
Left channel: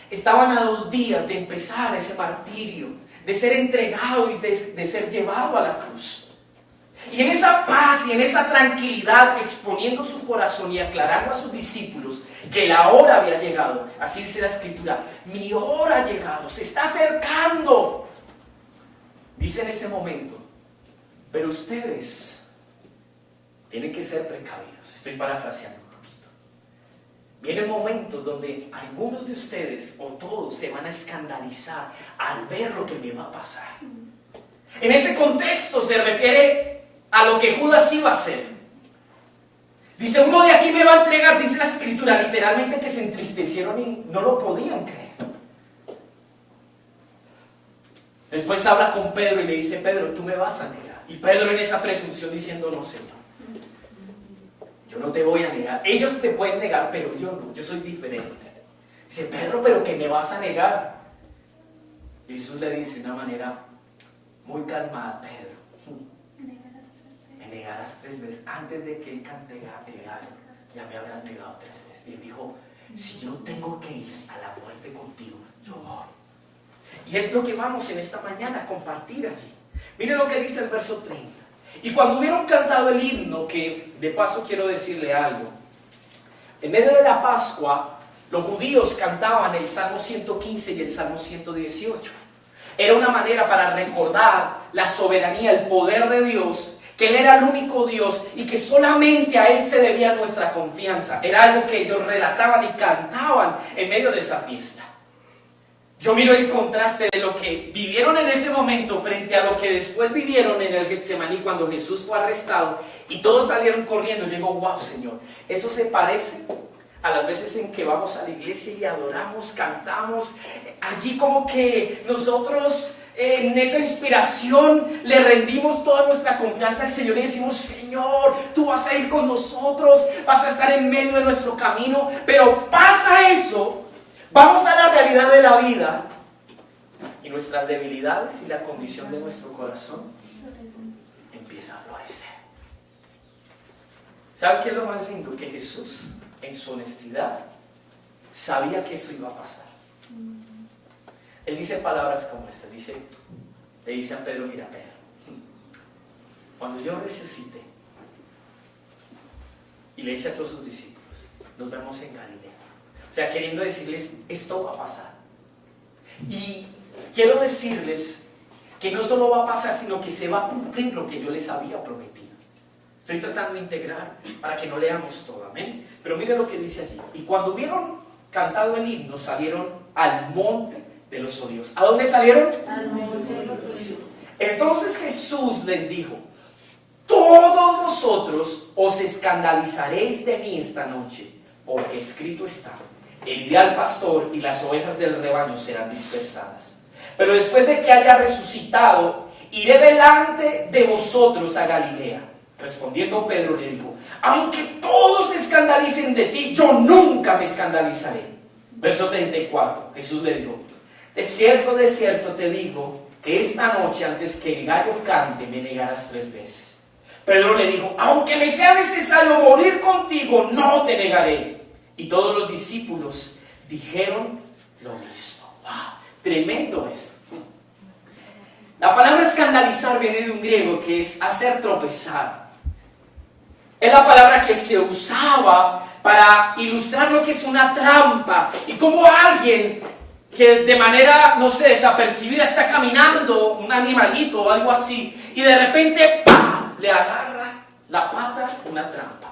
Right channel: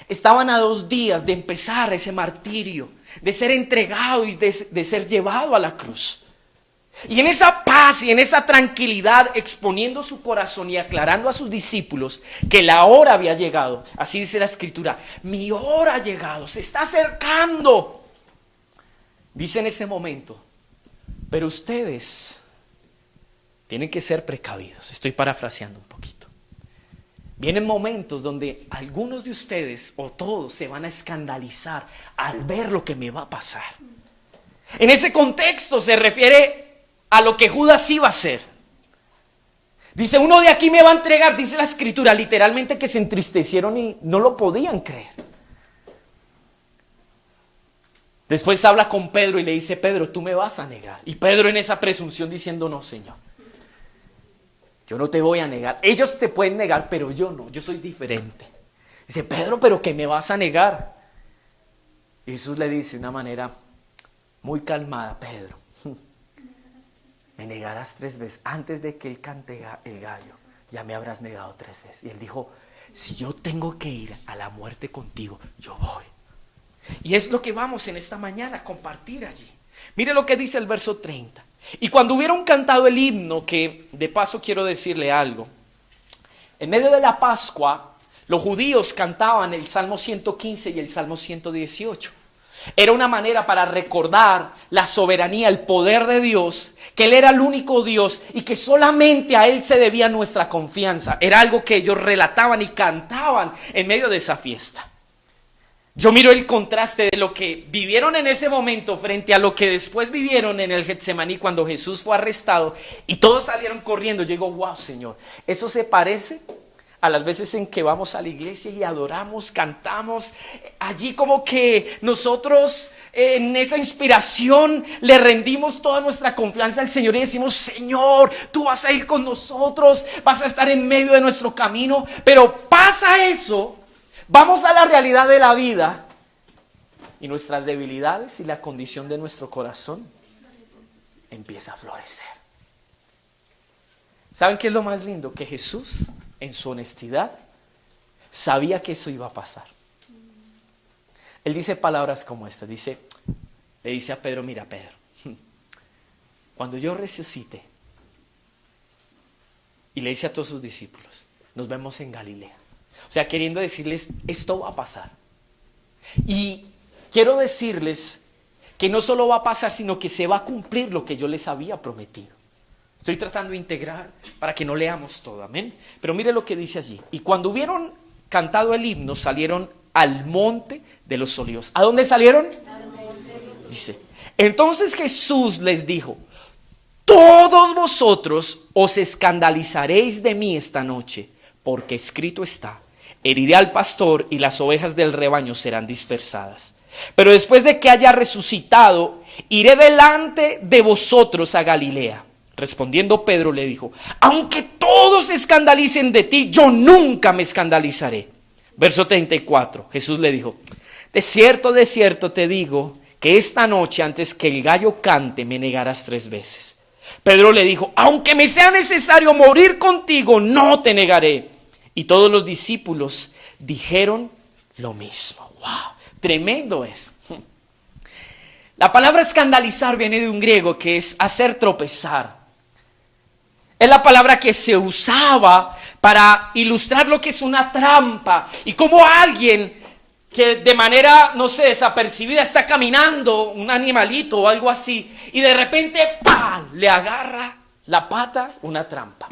Estaban a 2 días de empezar ese martirio, de ser entregado y de ser llevado a la cruz. Y en esa paz y en esa tranquilidad, exponiendo su corazón y aclarando a sus discípulos que la hora había llegado. Así dice la Escritura, mi hora ha llegado, se está acercando. Dice en ese momento, pero ustedes tienen que ser precavidos. Estoy parafraseando un poquito. Vienen momentos donde algunos de ustedes o todos se van a escandalizar al ver lo que me va a pasar. En ese contexto se refiere a lo que Judas iba a hacer. Dice, uno de aquí me va a entregar, dice la Escritura, literalmente que se entristecieron y no lo podían creer. Después habla con Pedro y le dice, Pedro, tú me vas a negar. Y Pedro en esa presunción diciendo, no, Señor. Yo no te voy a negar. Ellos te pueden negar, pero yo no. Yo soy diferente. Dice, Pedro, ¿pero qué me vas a negar? Y Jesús le dice de una manera muy calmada, Pedro, me negarás 3 veces. Antes de que él cante el gallo, ya me habrás negado 3 veces. Y él dijo, si yo tengo que ir a la muerte contigo, yo voy. Y es lo que vamos en esta mañana a compartir allí. Mire lo que dice el verso 30. Y cuando hubieron cantado el himno, que de paso quiero decirle algo, en medio de la Pascua, los judíos cantaban el Salmo 115 y el Salmo 118. Era una manera para recordar la soberanía, el poder de Dios, que Él era el único Dios y que solamente a Él se debía nuestra confianza. Era algo que ellos relataban y cantaban en medio de esa fiesta. Yo miro el contraste de lo que vivieron en ese momento frente a lo que después vivieron en el Getsemaní cuando Jesús fue arrestado y todos salieron corriendo. Yo digo, wow, Señor, eso se parece a las veces en que vamos a la iglesia y adoramos, cantamos. Allí como que nosotros en esa inspiración le rendimos toda nuestra confianza al Señor y decimos, Señor, tú vas a ir con nosotros, vas a estar en medio de nuestro camino. Pero pasa eso. Vamos a la realidad de la vida y nuestras debilidades y la condición de nuestro corazón empieza a florecer. ¿Saben qué es lo más lindo? Que Jesús, en su honestidad, sabía que eso iba a pasar. Él dice palabras como estas. Le dice a Pedro, mira Pedro, cuando yo resucite, y le dice a todos sus discípulos, nos vemos en Galilea. O sea, queriendo decirles, esto va a pasar. Y quiero decirles que no solo va a pasar, sino que se va a cumplir lo que yo les había prometido. Estoy tratando de integrar para que no leamos todo, amén. Pero mire lo que dice allí. Y cuando hubieron cantado el himno, salieron al monte de los olivos. ¿A dónde salieron? Al monte de los olivos. Dice, entonces Jesús les dijo, todos vosotros os escandalizaréis de mí esta noche, porque escrito está, heriré al pastor y las ovejas del rebaño serán dispersadas. Pero después de que haya resucitado, iré delante de vosotros a Galilea. Respondiendo Pedro le dijo, aunque todos se escandalicen de ti, yo nunca me escandalizaré. Verso 34, Jesús le dijo, de cierto te digo, que esta noche antes que el gallo cante me negarás 3 veces. Pedro le dijo, aunque me sea necesario morir contigo, no te negaré. Y todos los discípulos dijeron lo mismo. ¡Wow! Tremendo es. La palabra escandalizar viene de un griego que es hacer tropezar. Es la palabra que se usaba para ilustrar lo que es una trampa y cómo alguien que de manera, no sé, desapercibida está caminando, un animalito o algo así, y de repente ¡pam!, le agarra la pata una trampa.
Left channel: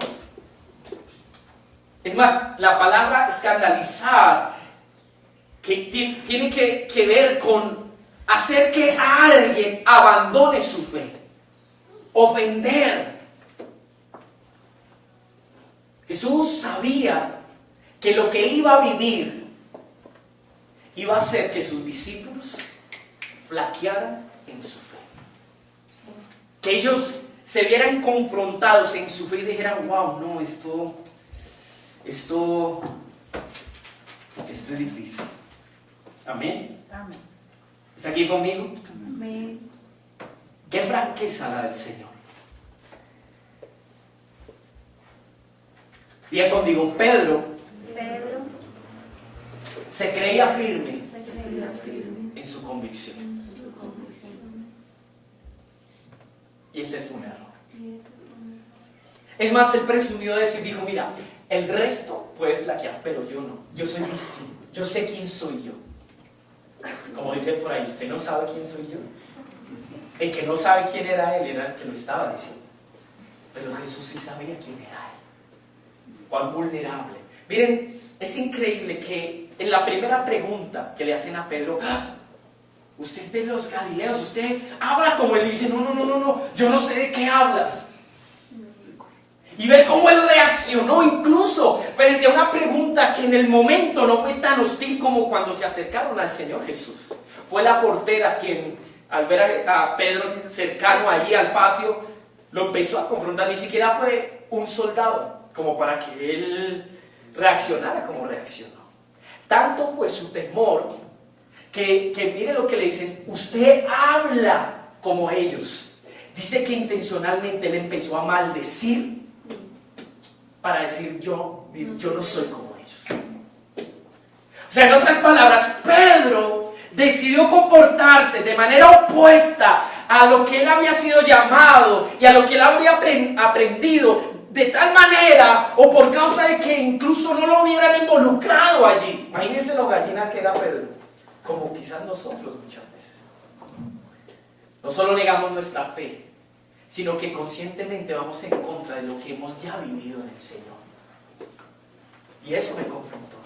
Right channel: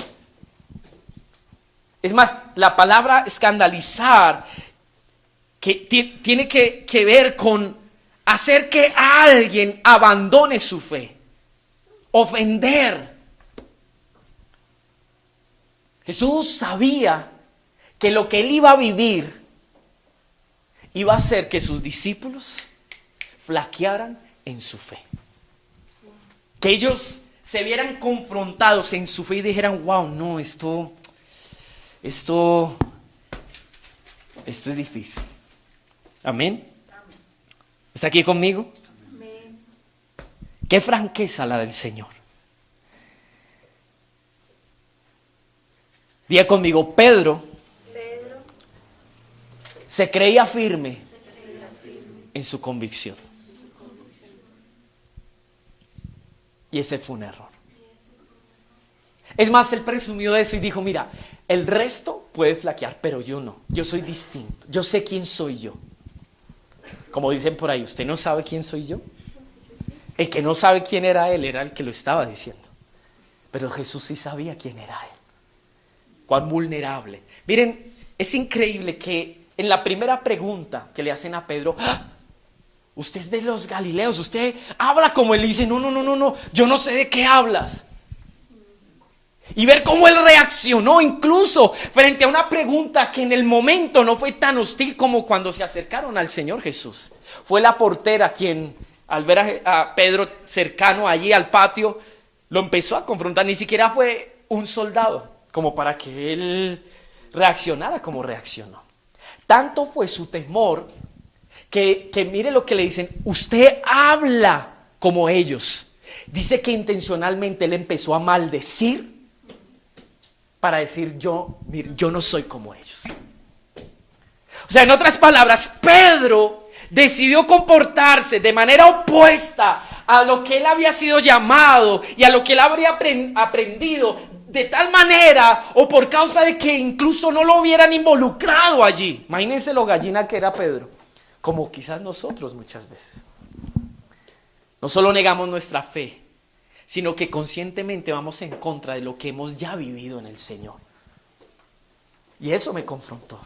Es más, la palabra escandalizar que tiene que ver con hacer que alguien abandone su fe, ofender. Jesús sabía que lo que él iba a vivir iba a hacer que sus discípulos flaquearan en su fe. Que ellos se vieran confrontados en su fe y dijeran, wow, no, esto es difícil. Amén. Amén. ¿Está aquí conmigo? Amén. Qué franqueza la del Señor. Diga conmigo, Pedro se creía firme en su convicción. Y ese fue un error. Es más, él presumió de eso y dijo, mira, el resto puede flaquear, pero yo no. Yo soy distinto. Yo sé quién soy yo. Como dicen por ahí, ¿usted no sabe quién soy yo? El que no sabe quién era él era el que lo estaba diciendo. Pero Jesús sí sabía quién era él. Cuán vulnerable. Miren, es increíble que en la primera pregunta que le hacen a Pedro, ¡ah!, usted es de los Galileos, usted habla como él, dice, no, yo no sé de qué hablas. Y ver cómo él reaccionó incluso frente a una pregunta que en el momento no fue tan hostil como cuando se acercaron al Señor Jesús. Fue la portera quien, al ver a Pedro cercano allí al patio, lo empezó a confrontar. Ni siquiera fue un soldado como para que él reaccionara como reaccionó. Tanto fue su temor que mire lo que le dicen, usted habla como ellos. Dice que intencionalmente él empezó a maldecir para decir, yo no soy como ellos. O sea, en otras palabras, Pedro decidió comportarse de manera opuesta a lo que él había sido llamado y a lo que él había aprendido, de tal manera o por causa de que incluso no lo hubieran involucrado allí. Imagínense lo gallina que era Pedro, como quizás nosotros muchas veces. No solo negamos nuestra fe, sino que conscientemente vamos en contra de lo que hemos ya vivido en el Señor. Y eso me confrontó.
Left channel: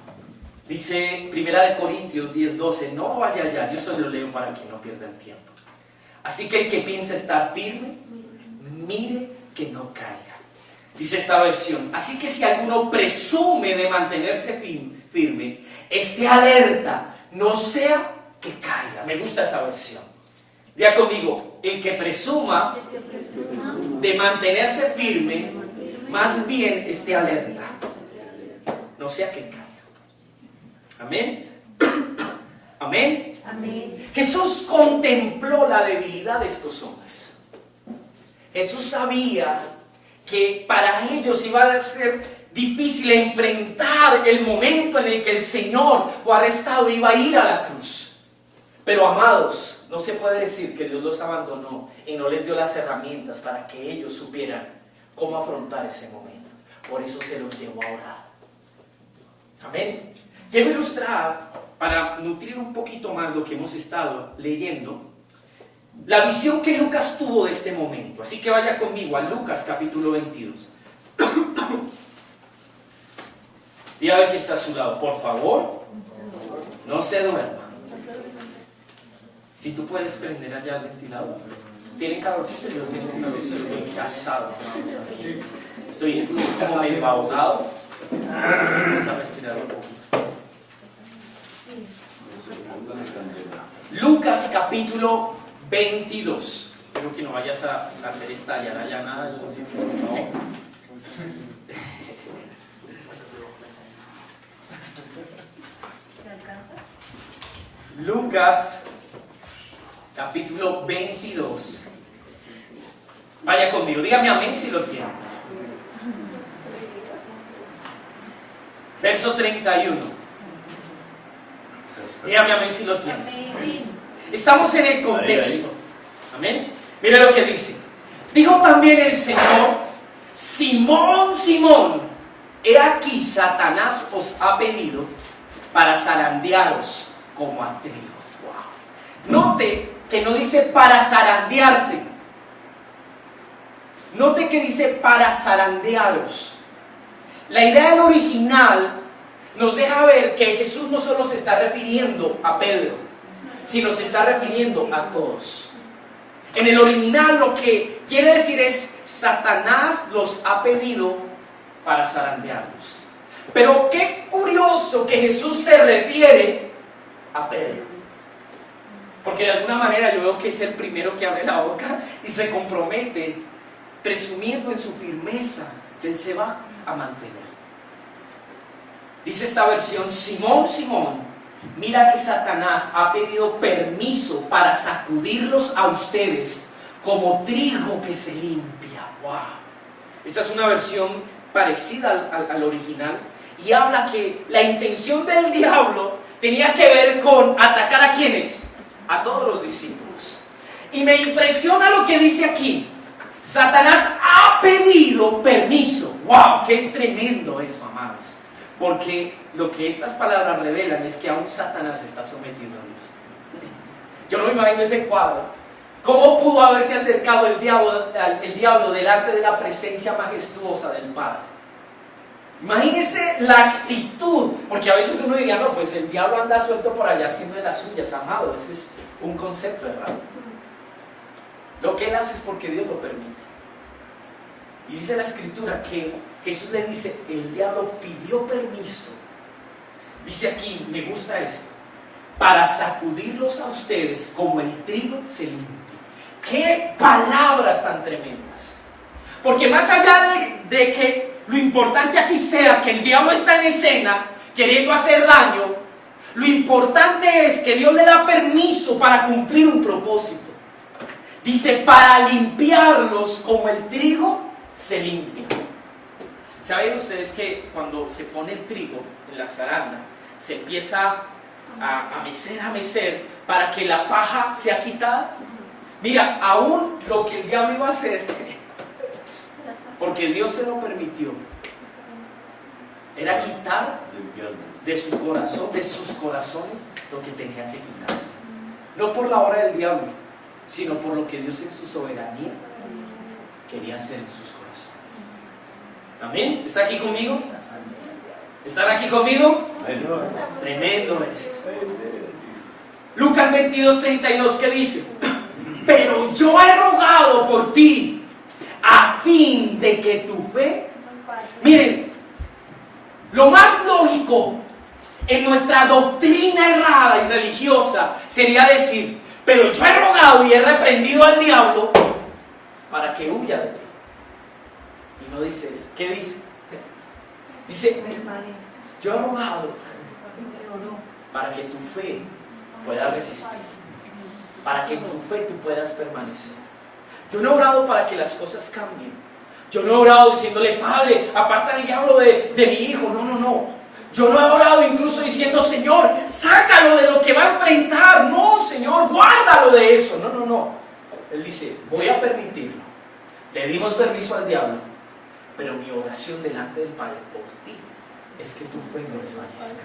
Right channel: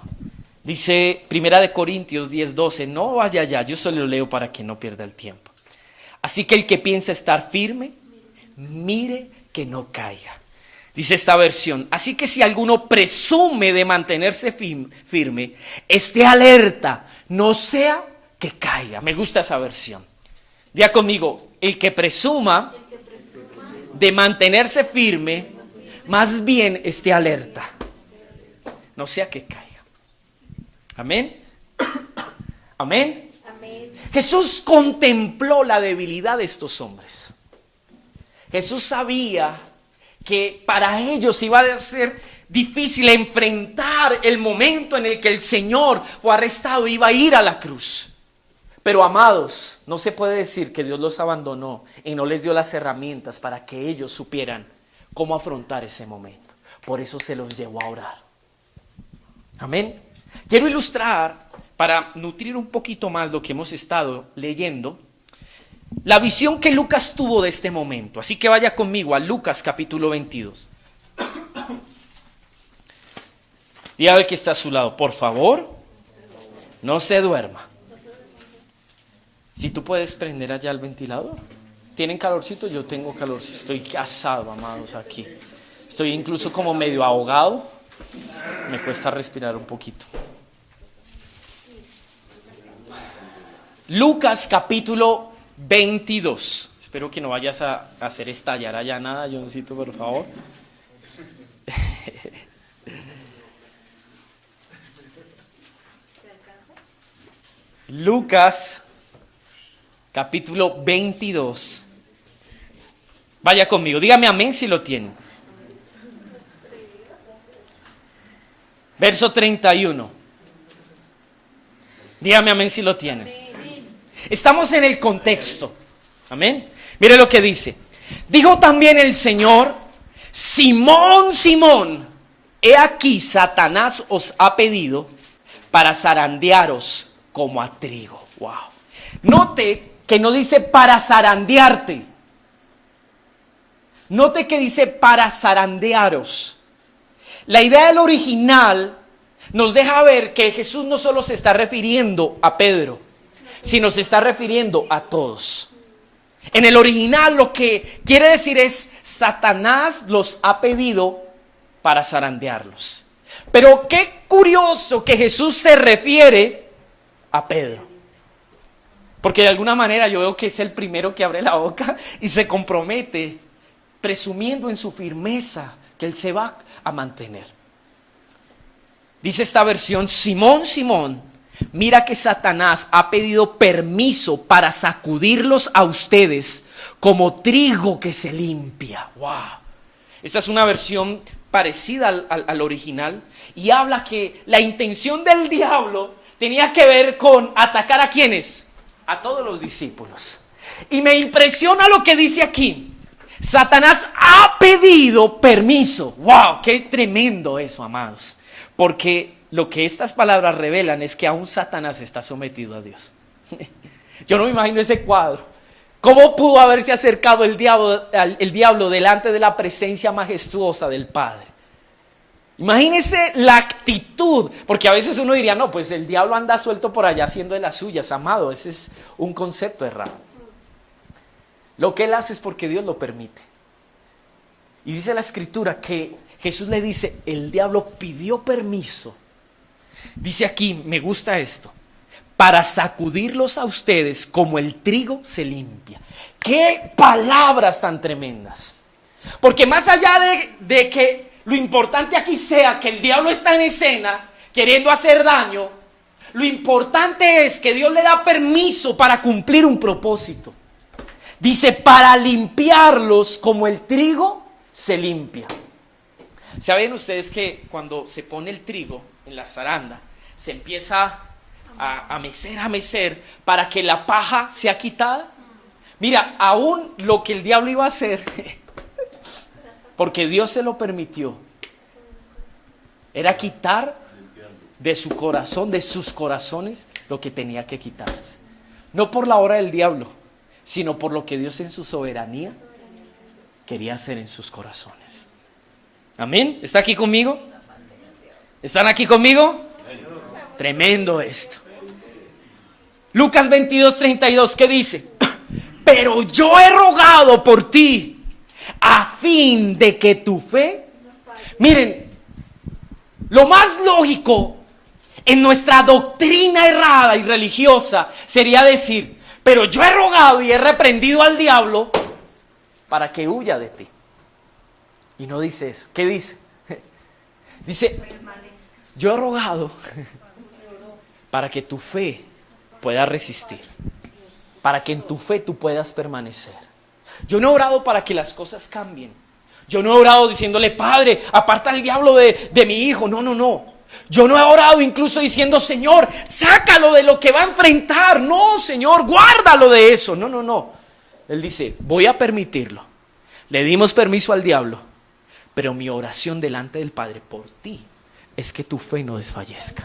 Dice 1 Corintios 10:12, no vaya allá, yo solo lo leo para que no pierda el tiempo. Así que el que piensa estar firme, mire que no caiga. Dice esta versión, así que si alguno presume de mantenerse firme, esté alerta, no sea que caiga. Me gusta esa versión. Diga conmigo, el que presuma de mantenerse firme, más bien esté alerta, no sea que caiga. Amén. Amén. Amén. Jesús contempló la debilidad de estos hombres. Jesús sabía que para ellos iba a ser difícil enfrentar el momento en el que el Señor fue arrestado y iba a ir a la cruz. Pero amados, no se puede decir que Dios los abandonó y no les dio las herramientas para que ellos supieran cómo afrontar ese momento. Por eso se los llevó a orar. Amén. Quiero ilustrar, para nutrir un poquito más lo que hemos estado leyendo, la visión que Lucas tuvo de este momento. Así que vaya conmigo a Lucas capítulo 22. Dígale al que está a su lado, por favor, no se duerma. Si tú puedes prender allá el ventilador. ¿Tienen calorcito? Yo tengo calorcito. Estoy asado, amados, aquí. Estoy incluso como medio ahogado. Me cuesta respirar un poquito. Lucas capítulo 22. Espero que no vayas a hacer estallar allá nada, Johncito, por favor. Lucas capítulo 22. Vaya conmigo, dígame amén si lo tiene. Verso 31. Dígame amén si lo tiene. Estamos en el contexto. Amén. Mire lo que dice. Dijo también el Señor: Simón, Simón, he aquí Satanás os ha pedido para zarandearos como a trigo. Wow. Note que no dice para zarandearte. Note que dice para zarandearos. La idea del original nos deja ver que Jesús no solo se está refiriendo a Pedro, sino se está refiriendo a todos. En el original lo que quiere decir es: Satanás los ha pedido para zarandearlos. Pero qué curioso que Jesús se refiere a Pedro, porque de alguna manera yo veo que es el primero que abre la boca y se compromete, presumiendo en su firmeza que él se va a mantener. Dice esta versión: Simón, Simón, mira que Satanás ha pedido permiso para sacudirlos a ustedes como trigo que se limpia. ¡Wow! Esta es una versión parecida al original y habla que la intención del diablo tenía que ver con atacar ¿a quiénes? A todos los discípulos. Y me impresiona lo que dice aquí: Satanás ha pedido permiso. ¡Wow! ¡Qué tremendo eso, amados! Porque lo que estas palabras revelan es que aún Satanás está sometido a Dios. Yo no me imagino ese cuadro. ¿Cómo pudo haberse acercado el diablo delante de la presencia majestuosa del Padre? Imagínese la actitud, porque a veces uno diría: no, pues el diablo anda suelto por allá haciendo de las suyas. Amado, ese es un concepto errado. Lo que él hace es porque Dios lo permite. Y dice la Escritura que Jesús le dice: el diablo pidió permiso. Dice aquí, me gusta esto: para sacudirlos a ustedes como el trigo se limpia. ¡Qué palabras tan tremendas! Porque más allá de que lo importante aquí sea que el diablo está en escena queriendo hacer daño, lo importante es que Dios le da permiso para cumplir un propósito. Dice: para limpiarlos como el trigo se limpia. ¿Saben ustedes que cuando se pone el trigo en la zaranda, se empieza a mecer para que la paja sea quitada? Mira, aún lo que el diablo iba a hacer, porque Dios se lo permitió, era quitar de su corazón, de sus corazones, lo que tenía que quitarse. No por la obra del diablo, sino por lo que Dios en su soberanía quería hacer en sus corazones. ¿Amén? ¿Está aquí conmigo? ¿Están aquí conmigo? Tremendo esto. Lucas 22:32, ¿qué dice? Pero yo he rogado por ti a fin de que tu fe... Miren, lo más lógico en nuestra doctrina errada y religiosa sería decir: pero yo he rogado y he reprendido al diablo para que huya de ti. Y no dice eso. ¿Qué dice? Dice: yo he rogado para que tu fe pueda resistir, para que en tu fe tú puedas permanecer. Yo no he orado para que las cosas cambien. Yo no he orado diciéndole: Padre, aparta al diablo de mi hijo. No. Yo no he orado incluso diciendo: Señor, sácalo de lo que va a enfrentar. No, Señor, guárdalo de eso. No. Él dice: voy a permitirlo. Le dimos permiso al diablo, pero mi oración delante del Padre por ti es que tu fe no desfallezca.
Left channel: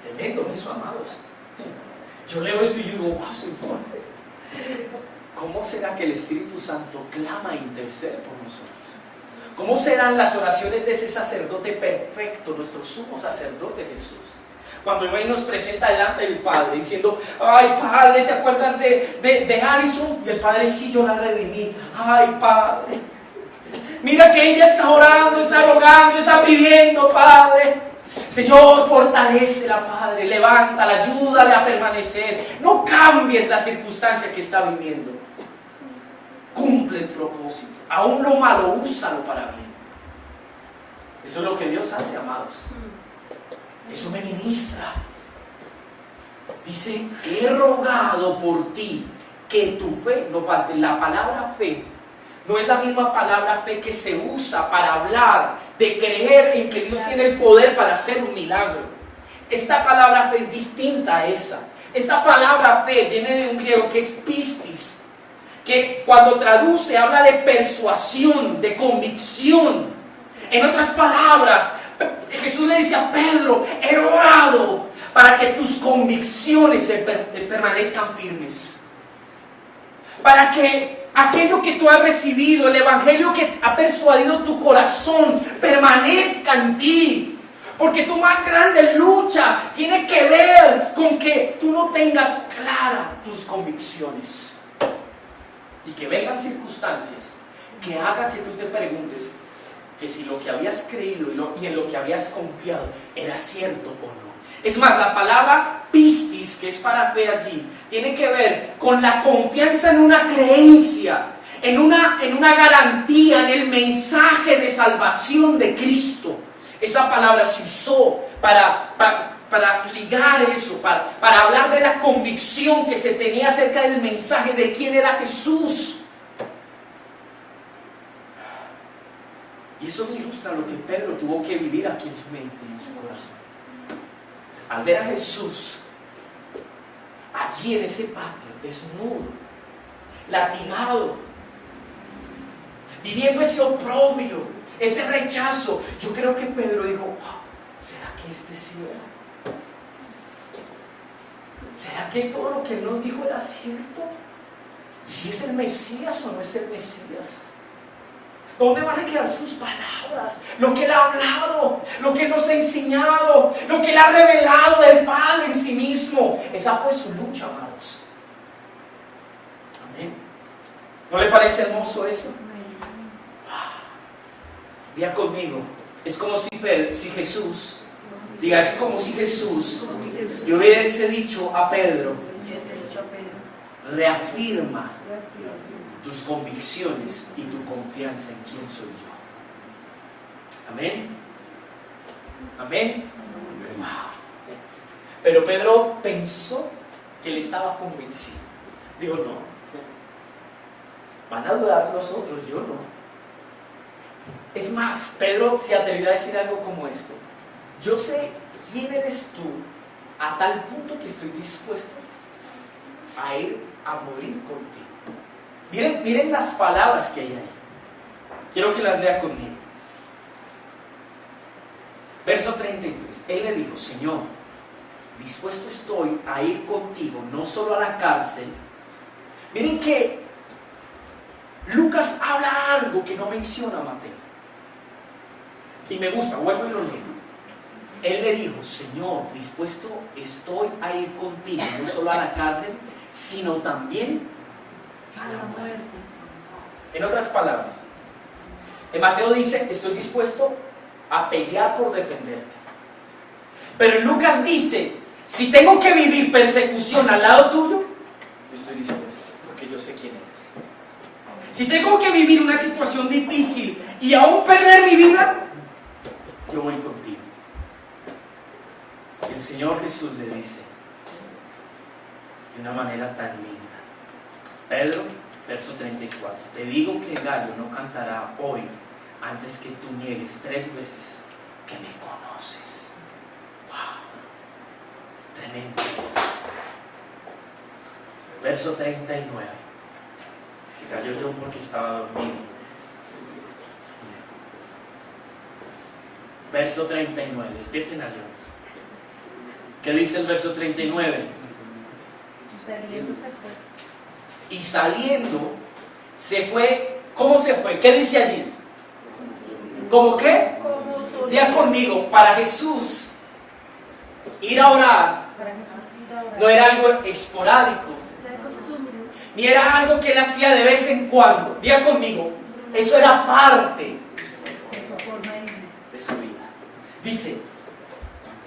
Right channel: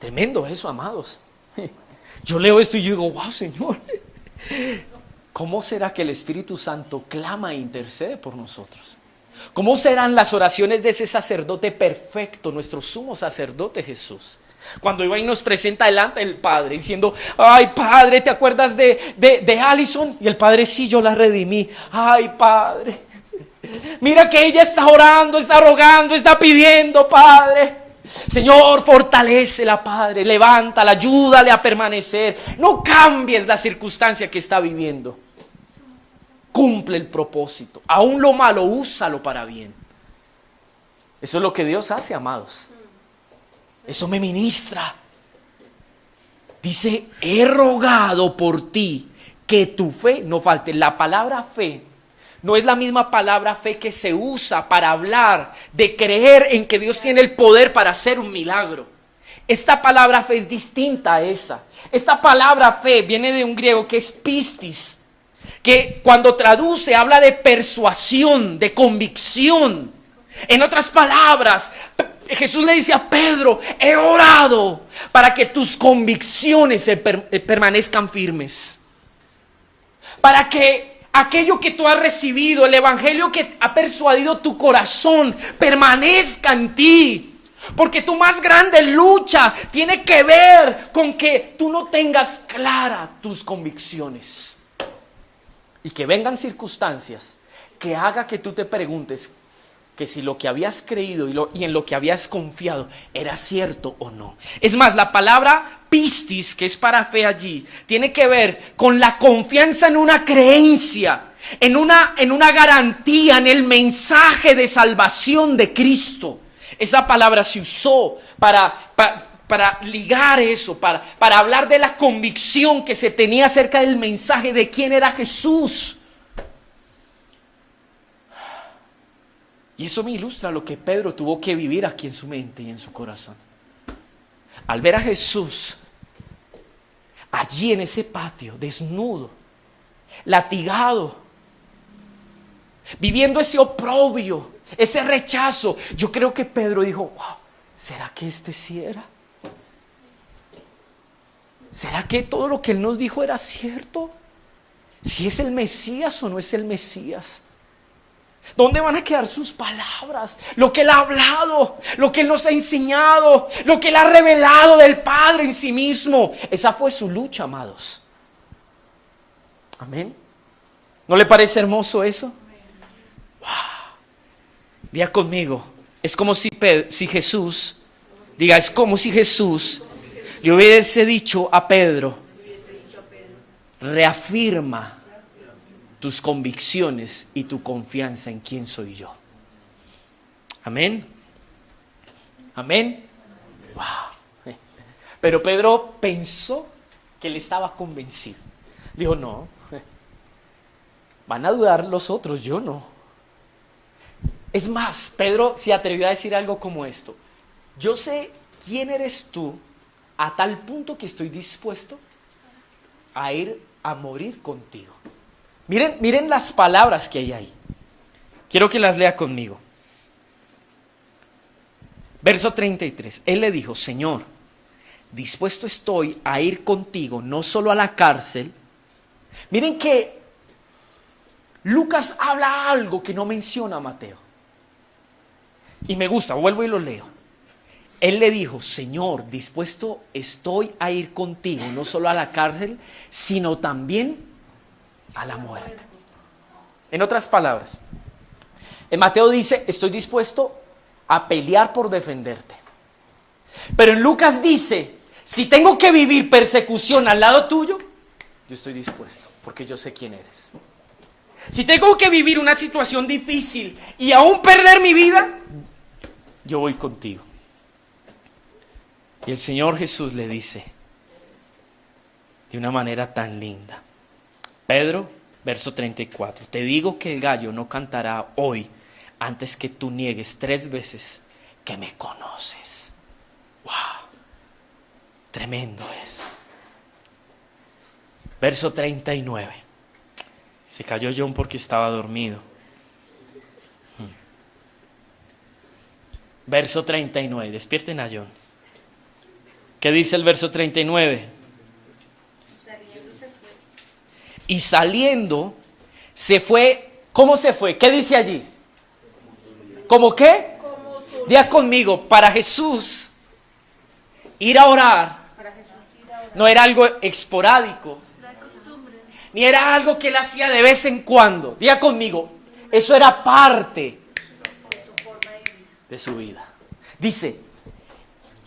Tremendo eso, amados. Yo leo esto y yo digo: wow, Señor, ¿cómo será que el Espíritu Santo clama e intercede por nosotros? ¿Cómo serán las oraciones de ese sacerdote perfecto, nuestro sumo sacerdote Jesús? Cuando iba y nos presenta delante del Padre diciendo: ay, Padre, ¿te acuerdas de Alison? Y el Padre: sí, yo la redimí. Ay, Padre, mira que ella está orando, está rogando, está pidiendo, Padre. Señor, fortalécela, Padre, levántala, ayúdale a permanecer. No cambies la circunstancia que está viviendo. Cumple el propósito. Aún lo malo, úsalo para bien. Eso es lo que Dios hace, amados. Eso me ministra. Dice: he rogado por ti que tu fe no falte. La palabra fe no es la misma palabra fe que se usa para hablar de creer en que Dios tiene el poder para hacer un milagro. Esta palabra fe es distinta a esa. Esta palabra fe viene de un griego que es pistis, que cuando traduce habla de persuasión, de convicción. En otras palabras, Jesús le dice a Pedro: he orado para que tus convicciones permanezcan firmes. Para que aquello que tú has recibido, el evangelio que ha persuadido tu corazón, permanezca en ti. Porque tu más grande lucha tiene que ver con que tú no tengas claras tus convicciones. Y que vengan circunstancias que haga que tú te preguntes que si lo que habías creído y en lo que habías confiado era cierto o no. Es más, la palabra pistis, que es para fe allí, tiene que ver con la confianza en una creencia, en una garantía, en el mensaje de salvación de Cristo. Esa palabra se usó para ligar eso, para hablar de la convicción que se tenía acerca del mensaje de quién era Jesús. Y eso me ilustra lo que Pedro tuvo que vivir aquí en su mente y en su corazón. Al ver a Jesús allí en ese patio, desnudo, latigado, viviendo ese oprobio, ese rechazo, yo creo que Pedro dijo: wow, ¿será que este sí era? ¿Será que todo lo que él nos dijo era cierto? ¿Si es el Mesías o no es el Mesías? ¿Dónde van a quedar sus palabras? Lo que él ha hablado, lo que él nos ha enseñado, lo que él ha revelado del Padre en sí mismo. Esa fue su lucha, amados. Amén. ¿No le parece hermoso eso? Diga conmigo, es como si Jesús le hubiese dicho a Pedro: reafirma tus convicciones y tu confianza en quién soy yo. Amén. Amén. Wow. Pero Pedro pensó que él estaba convencido. Dijo: no, van a dudar los otros, yo no. Es más, Pedro se atrevió a decir algo como esto: yo sé quién eres tú a tal punto que estoy dispuesto a ir a morir contigo. Miren las palabras que hay ahí. Quiero que las lea conmigo. Verso 33. Él le dijo: Señor, dispuesto estoy a ir contigo, no solo a la cárcel. Miren que Lucas habla algo que no menciona Mateo. Y me gusta, vuelvo y lo leo. Él le dijo: Señor, dispuesto estoy a ir contigo, no solo a la cárcel, sino también a la muerte. En otras palabras, en Mateo dice: estoy dispuesto a pelear por defenderte. Pero en Lucas dice: si tengo que vivir persecución al lado tuyo, yo estoy dispuesto, porque yo sé quién eres. Si tengo que vivir una situación difícil y aún perder mi vida, yo voy contigo. Y el Señor Jesús le dice de una manera tan linda: Pedro, verso 34, te digo que el gallo no cantará hoy antes que tú niegues 3 veces que me conoces. ¡Wow! Tremendo eso. Verso 39. Se cayó John porque estaba dormido. Verso 39. Despierten a John. ¿Qué dice el verso 39? Y saliendo se fue. ¿Cómo se fue? ¿Qué dice allí? ¿Cómo qué? Diga conmigo: para Jesús ir a orar no era algo esporádico, ni era algo que él hacía de vez en cuando. Diga conmigo: eso era parte de su vida. Dice:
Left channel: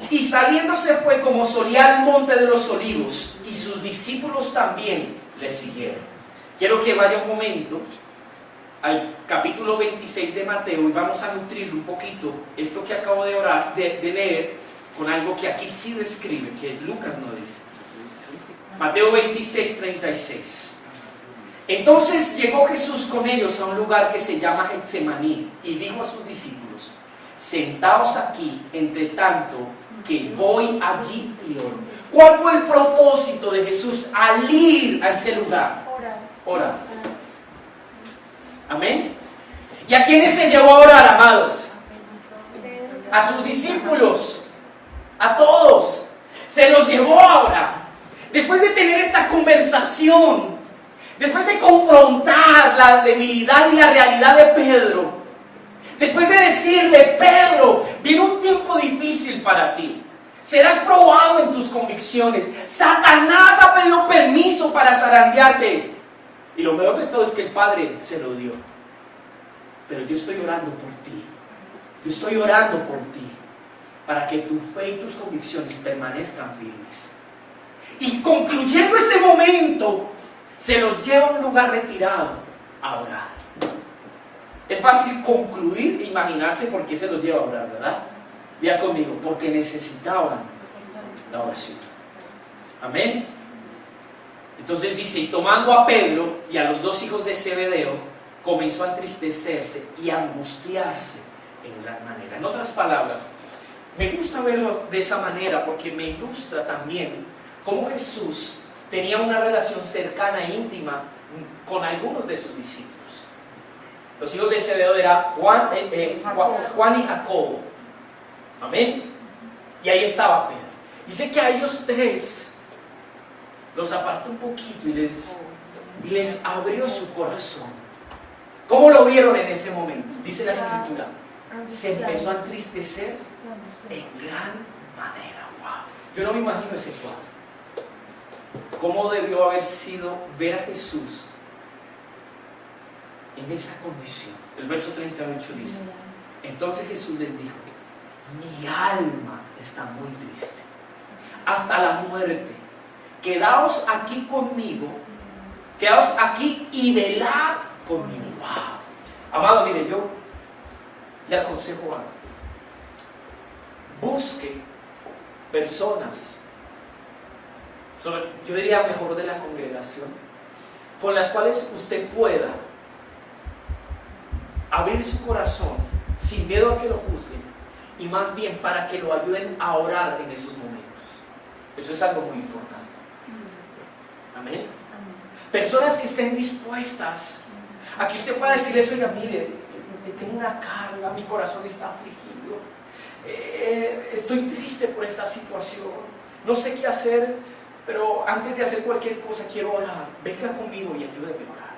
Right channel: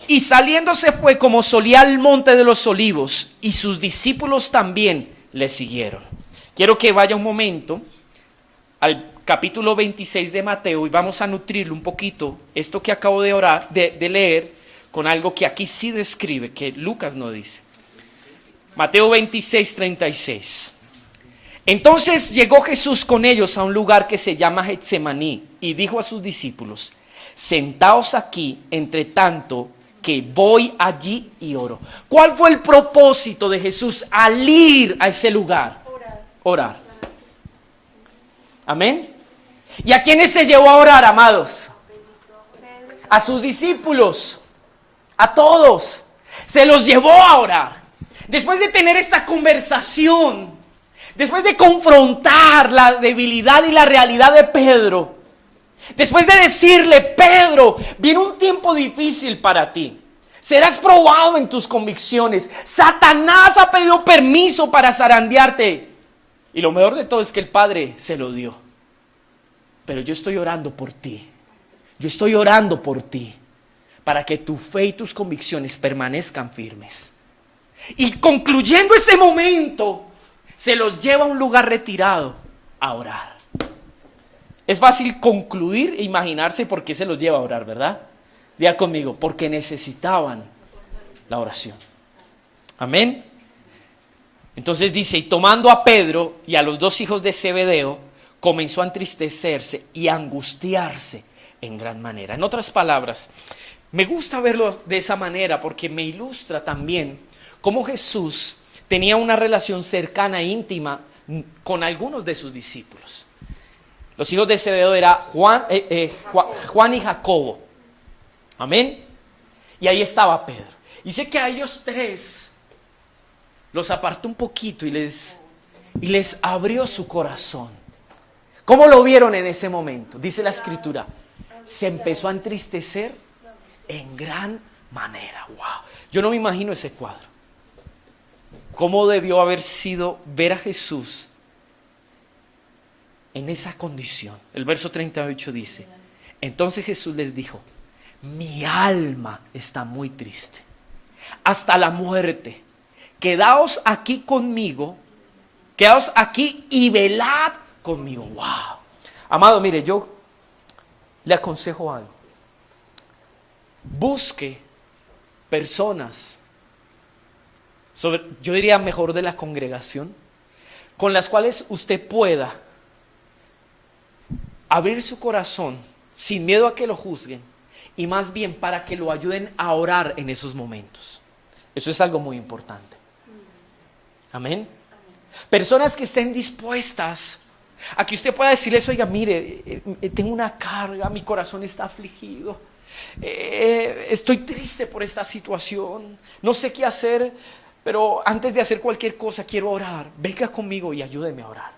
y saliendo se fue como solía al monte de los olivos, y sus discípulos también le siguieron. Quiero que vaya un momento al capítulo 26 de Mateo y vamos a nutrir un poquito esto que acabo de leer con algo que aquí sí describe, que Lucas no dice. Mateo 26, 36. Entonces llegó Jesús con ellos a un lugar que se llama Getsemaní y dijo a sus discípulos: sentaos aquí, entre tanto que voy allí y oro. ¿Cuál fue el propósito de Jesús al ir a ese lugar? Orar. Amén. ¿Y a quiénes se llevó a orar, amados? A sus discípulos, a todos. Se los llevó a orar. Después de tener esta conversación, después de confrontar la debilidad y la realidad de Pedro, después de decirle: Pedro, viene un tiempo difícil para ti. Serás probado en tus convicciones. Satanás ha pedido permiso para zarandearte. Y lo mejor de todo es que el Padre se lo dio. Pero yo estoy orando por ti. Yo estoy orando por ti, para que tu fe y tus convicciones permanezcan firmes. Y concluyendo ese momento, se los lleva a un lugar retirado a orar. Es fácil concluir e imaginarse por qué se los lleva a orar, ¿verdad? Vea conmigo, porque necesitaban la oración. Amén. Entonces dice: y tomando a Pedro y a los dos hijos de Zebedeo, comenzó a entristecerse y a angustiarse en gran manera. En otras palabras, me gusta verlo de esa manera porque me ilustra también cómo Jesús tenía una relación cercana e íntima con algunos de sus discípulos. Los hijos de Zebedeo eran Juan y Jacobo. Amén. Y ahí estaba Pedro. Y sé que a ellos tres los apartó un poquito y les abrió su corazón. ¿Cómo lo vieron en ese momento? Dice la Escritura: se empezó a entristecer en gran manera. Wow. Yo no me imagino ese cuadro. ¿Cómo debió haber sido ver a Jesús en esa condición? El verso 38 dice: entonces Jesús les dijo: mi alma está muy triste, hasta la muerte. Quedaos aquí conmigo, quedaos aquí y velad conmigo. Wow. Amado, mire, yo le aconsejo algo. Busque personas, yo diría mejor de la congregación, con las cuales usted pueda abrir su corazón sin miedo a que lo juzguen, y más bien para que lo ayuden a orar en esos momentos. Eso es algo muy importante. Amén. Personas que estén dispuestas a que usted pueda decirles: oiga, mire, tengo una carga, mi corazón está afligido, estoy triste por esta situación, no sé qué hacer, pero antes de hacer cualquier cosa quiero orar. Venga conmigo y ayúdeme a orar.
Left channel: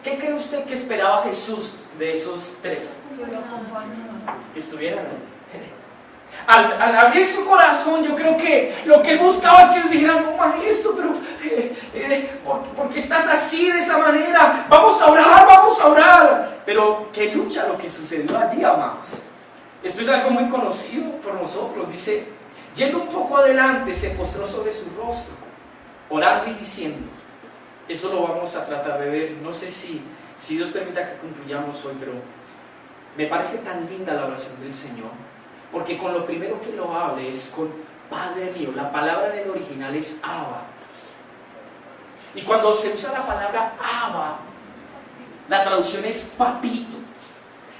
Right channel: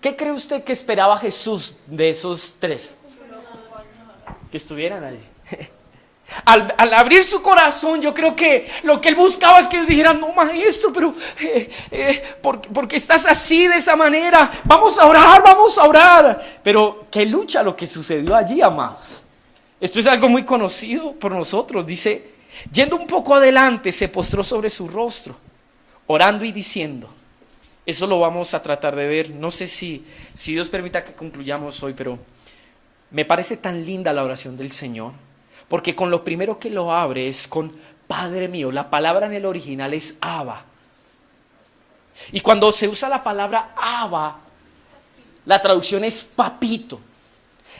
¿Qué cree usted que esperaba Jesús de esos tres? Que estuvieran allí. Al abrir su corazón, yo creo que lo que él buscaba es que ellos dijeran: no, maestro, pero ¿por qué estás así, de esa manera? Vamos a orar. Pero qué lucha lo que sucedió allí, amados. Esto es algo muy conocido por nosotros. Dice: yendo un poco adelante, se postró sobre su rostro, orando y diciendo. Eso lo vamos a tratar de ver. No sé si Dios permita que concluyamos hoy, pero me parece tan linda la oración del Señor, porque con lo primero que lo abre es con Padre mío. La palabra en el original es Abba. Y cuando se usa la palabra Abba, la traducción es papito.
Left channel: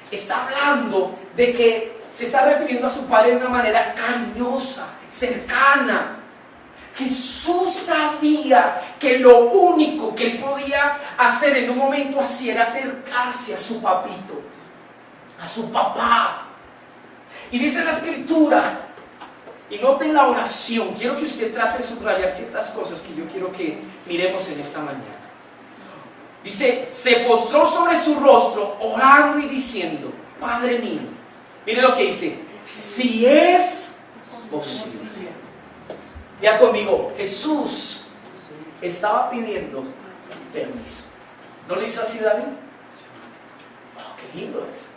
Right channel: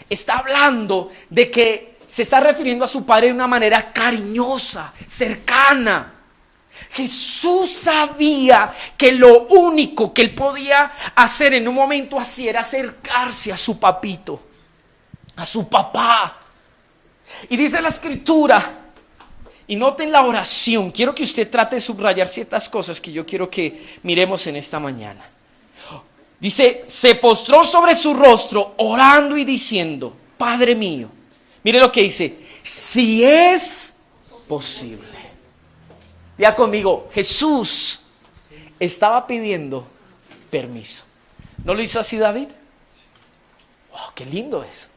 Está hablando de que se está refiriendo a su Padre de una manera cariñosa, cercana. Jesús sabía que lo único que él podía hacer en un momento así era acercarse a su papito, a su papá. Y dice la Escritura, y noten la oración, quiero que usted trate de subrayar ciertas cosas que yo quiero que miremos en esta mañana. Dice: se postró sobre su rostro orando y diciendo: Padre mío. Mire lo que dice: si es posible. Ya conmigo, Jesús estaba pidiendo permiso. ¿No lo hizo así David? Oh, qué lindo es.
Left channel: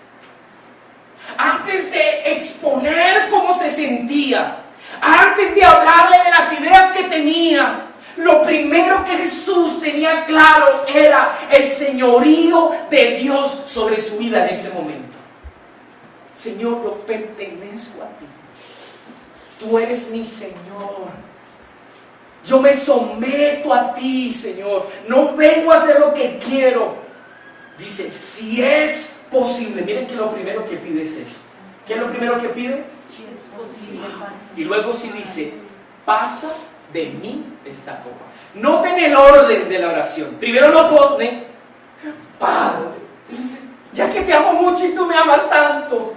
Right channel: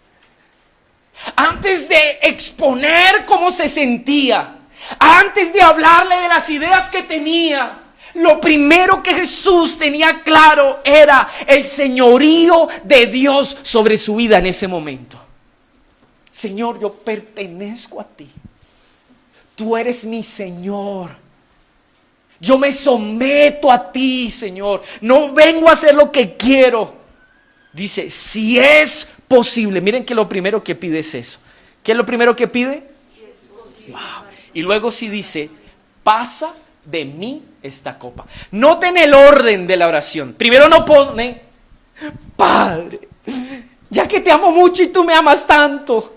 Antes de exponer cómo se sentía, antes de hablarle de las ideas que tenía, lo primero que Jesús tenía claro era el señorío de Dios sobre su vida en ese momento. Señor, yo pertenezco a ti. Tú eres mi Señor. Yo me someto a ti, Señor. No vengo a hacer lo que quiero. Dice: si es posible. Miren que lo primero que pide es eso. ¿Qué es lo primero que pide? Si es posible. Wow. Y luego sí dice, pasa de mí esta copa. Noten el orden de la oración. Primero no pone, Padre, ya que te amo mucho y tú me amas tanto,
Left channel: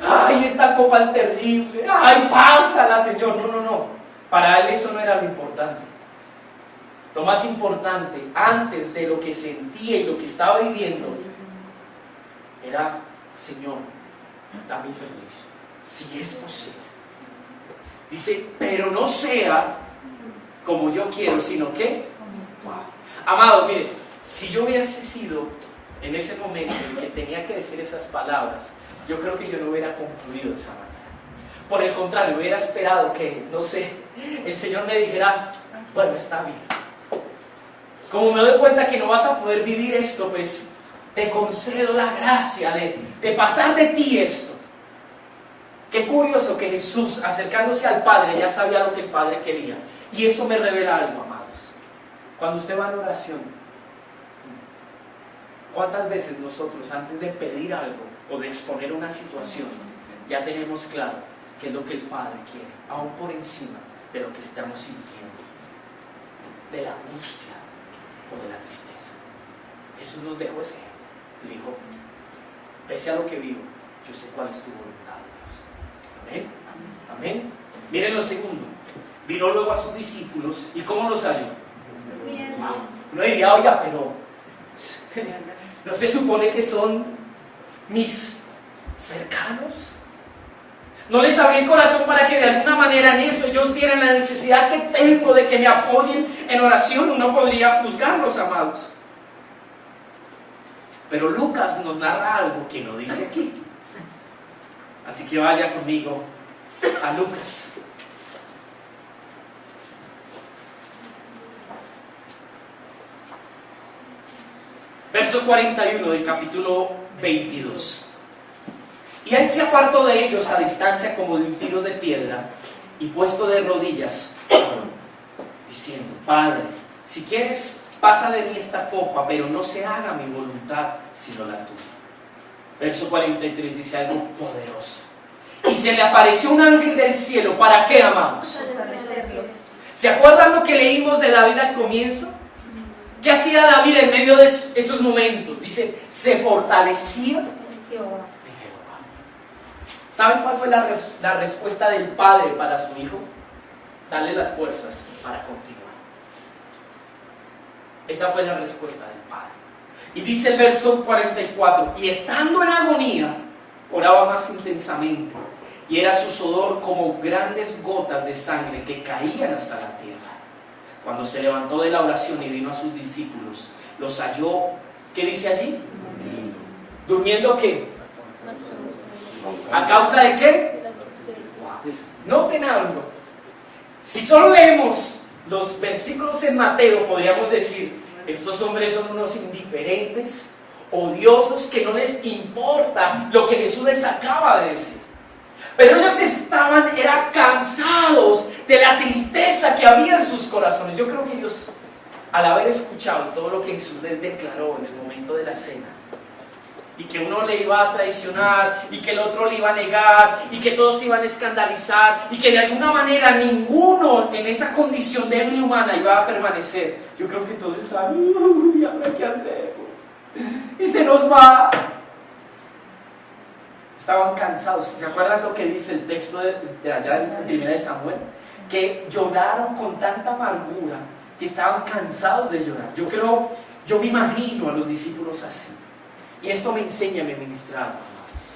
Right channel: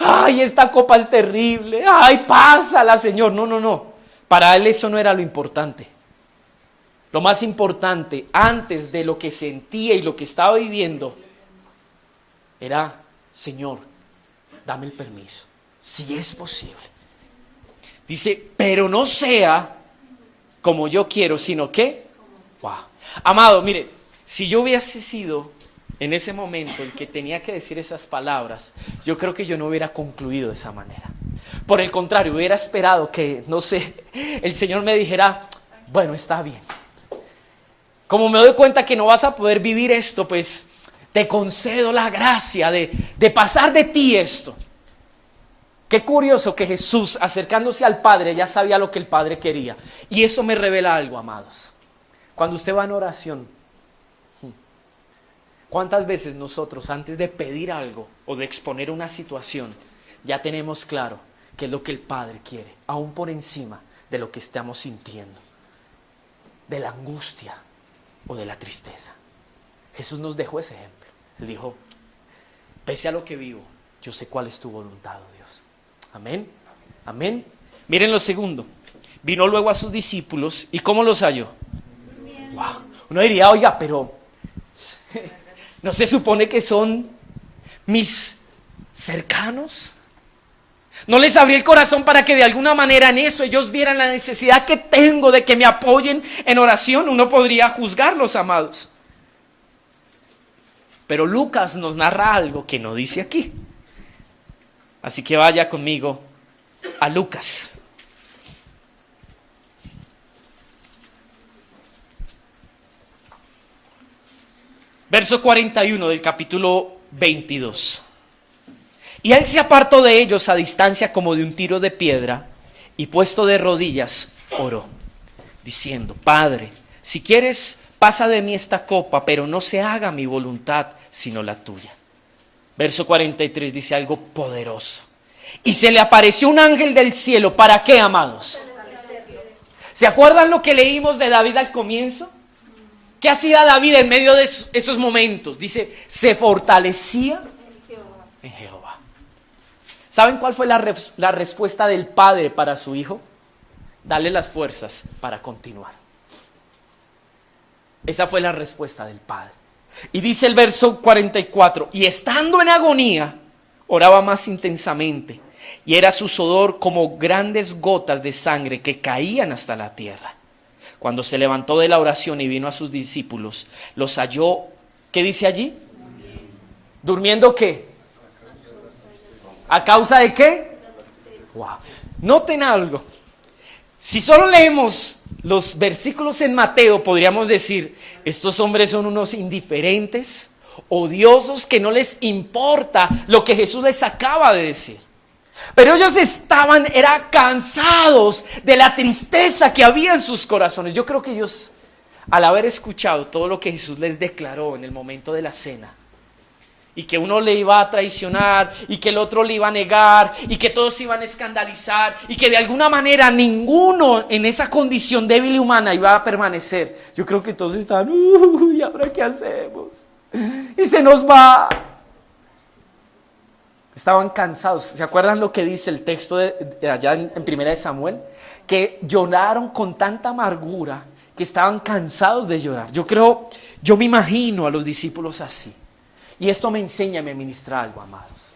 ay, esta copa es terrible, ay, pásala, Señor. No. Para él eso no era lo importante. Lo más importante, antes de lo que sentía y lo que estaba viviendo, era, Señor, dame el permiso, si es posible. Dice, pero no sea como yo quiero, sino que, wow. Amado, mire, si yo hubiese sido en ese momento el que tenía que decir esas palabras, yo creo que yo no hubiera concluido de esa manera. Por el contrario, hubiera esperado que, no sé, el Señor me dijera, bueno, está bien. Como me doy cuenta que no vas a poder vivir esto, pues te concedo la gracia de pasar de ti esto. Qué curioso que Jesús, acercándose al Padre, ya sabía lo que el Padre quería. Y eso me revela algo, amados. Cuando usted va en oración, ¿cuántas veces nosotros, antes de pedir algo o de exponer una situación, ya tenemos claro qué es lo que el Padre quiere, aún por encima de lo que estamos sintiendo, de la angustia o de la tristeza? Jesús nos dejó ese ejemplo. Él dijo, pese a lo que vivo, yo sé cuál es tu voluntad, Dios. Amén. Amén. Miren lo segundo. Vino luego a sus discípulos y ¿cómo los halló? Wow. Uno diría, oiga, pero ¿no se supone que son mis cercanos? ¿No les abrí el corazón para que de alguna manera en eso ellos vieran la necesidad que tengo de que me apoyen en oración? Uno podría juzgarlos, amados. Pero Lucas nos narra algo que no dice aquí. Así que vaya conmigo a Lucas. Verso 41 del capítulo 22. Y él se apartó de ellos a distancia como de un tiro de piedra, y puesto de rodillas, oró, diciendo, Padre, si quieres, pasa de mí esta copa, pero no se haga mi voluntad, sino la tuya. Verso 43 dice algo poderoso. Y se le apareció un ángel del cielo. ¿Para qué, amados? ¿Se acuerdan lo que leímos de David al comienzo? ¿Qué hacía David en medio de esos momentos? Dice, se fortalecía en Jehová. ¿Saben cuál fue la respuesta del padre para su hijo? Darle las fuerzas para continuar. Esa fue la respuesta del padre. Y dice el verso 44, y estando en agonía, oraba más intensamente, y era su sudor como grandes gotas de sangre que caían hasta la tierra. Cuando se levantó de la oración y vino a sus discípulos, los halló, ¿qué dice allí? ¿Durmiendo qué? ¿A causa de qué? Wow. Noten algo. Si solo leemos los versículos en Mateo, podríamos decir, estos hombres son unos indiferentes, odiosos, que no les importa lo que Jesús les acaba de decir. Pero ellos eran cansados de la tristeza que había en sus corazones. Yo creo que ellos, al haber escuchado todo lo que Jesús les declaró en el momento de la cena, y que uno le iba a traicionar, y que el otro le iba a negar, y que todos se iban a escandalizar, y que de alguna manera ninguno en esa condición débil y humana iba a permanecer. Yo creo que todos estaban, ¿y ahora qué hacemos? Y se nos va. Estaban cansados. ¿Se acuerdan lo que dice el texto de allá en Primera de Samuel? Que lloraron con tanta amargura que estaban cansados de llorar. Yo me imagino a los discípulos así. Y esto me enseña, me ministra algo, amados.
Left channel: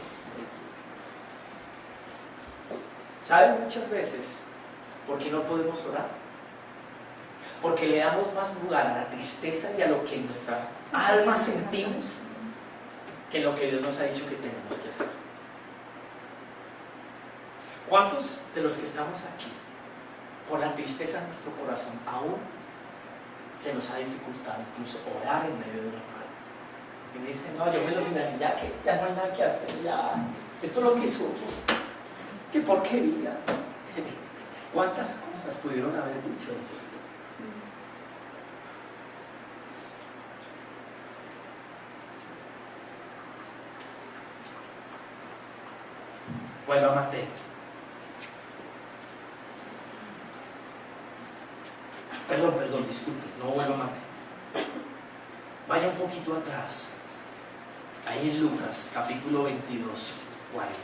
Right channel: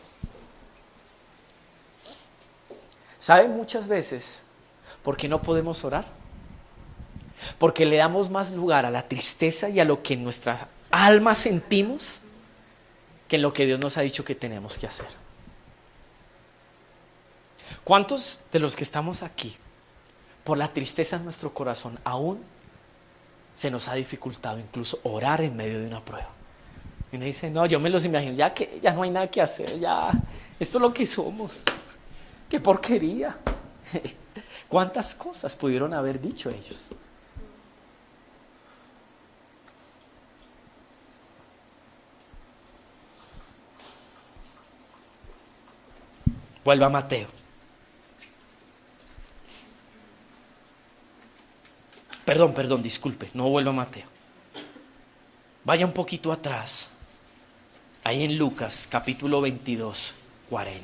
¿Saben muchas veces por qué no podemos orar? Porque le damos más lugar a la tristeza y a lo que en nuestra alma sentimos que en lo que Dios nos ha dicho que tenemos que hacer. ¿Cuántos de los que estamos aquí, por la tristeza en nuestro corazón, aún se nos ha dificultado incluso orar en medio de una prueba? Y uno dice, no, yo me los imagino, ya no hay nada que hacer, ya, esto es lo que somos, qué porquería. ¿Cuántas cosas pudieron haber dicho ellos? Vuelva a Mateo. Perdón, disculpe, no vuelvo a Mateo. Vaya un poquito atrás, ahí en Lucas, capítulo 22, 40.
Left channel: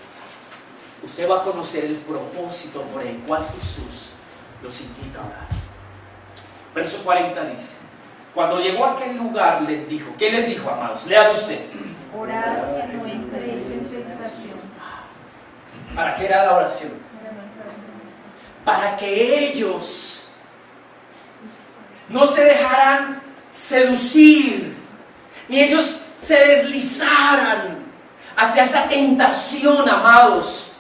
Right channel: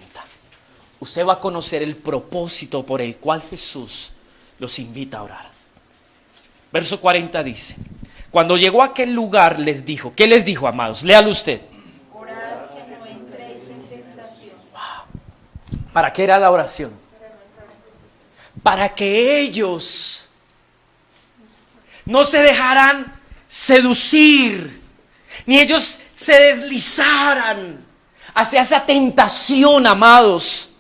Usted va a conocer el propósito por el cual Jesús los invita a orar. Verso 40 dice: cuando llegó a aquel lugar les dijo, ¿qué les dijo, amados? Léalo usted. Orad que no entréis en tentación. ¿Para qué era la oración? Para que ellos no se dejaran seducir, ni ellos se deslizaran hacia esa tentación, amados.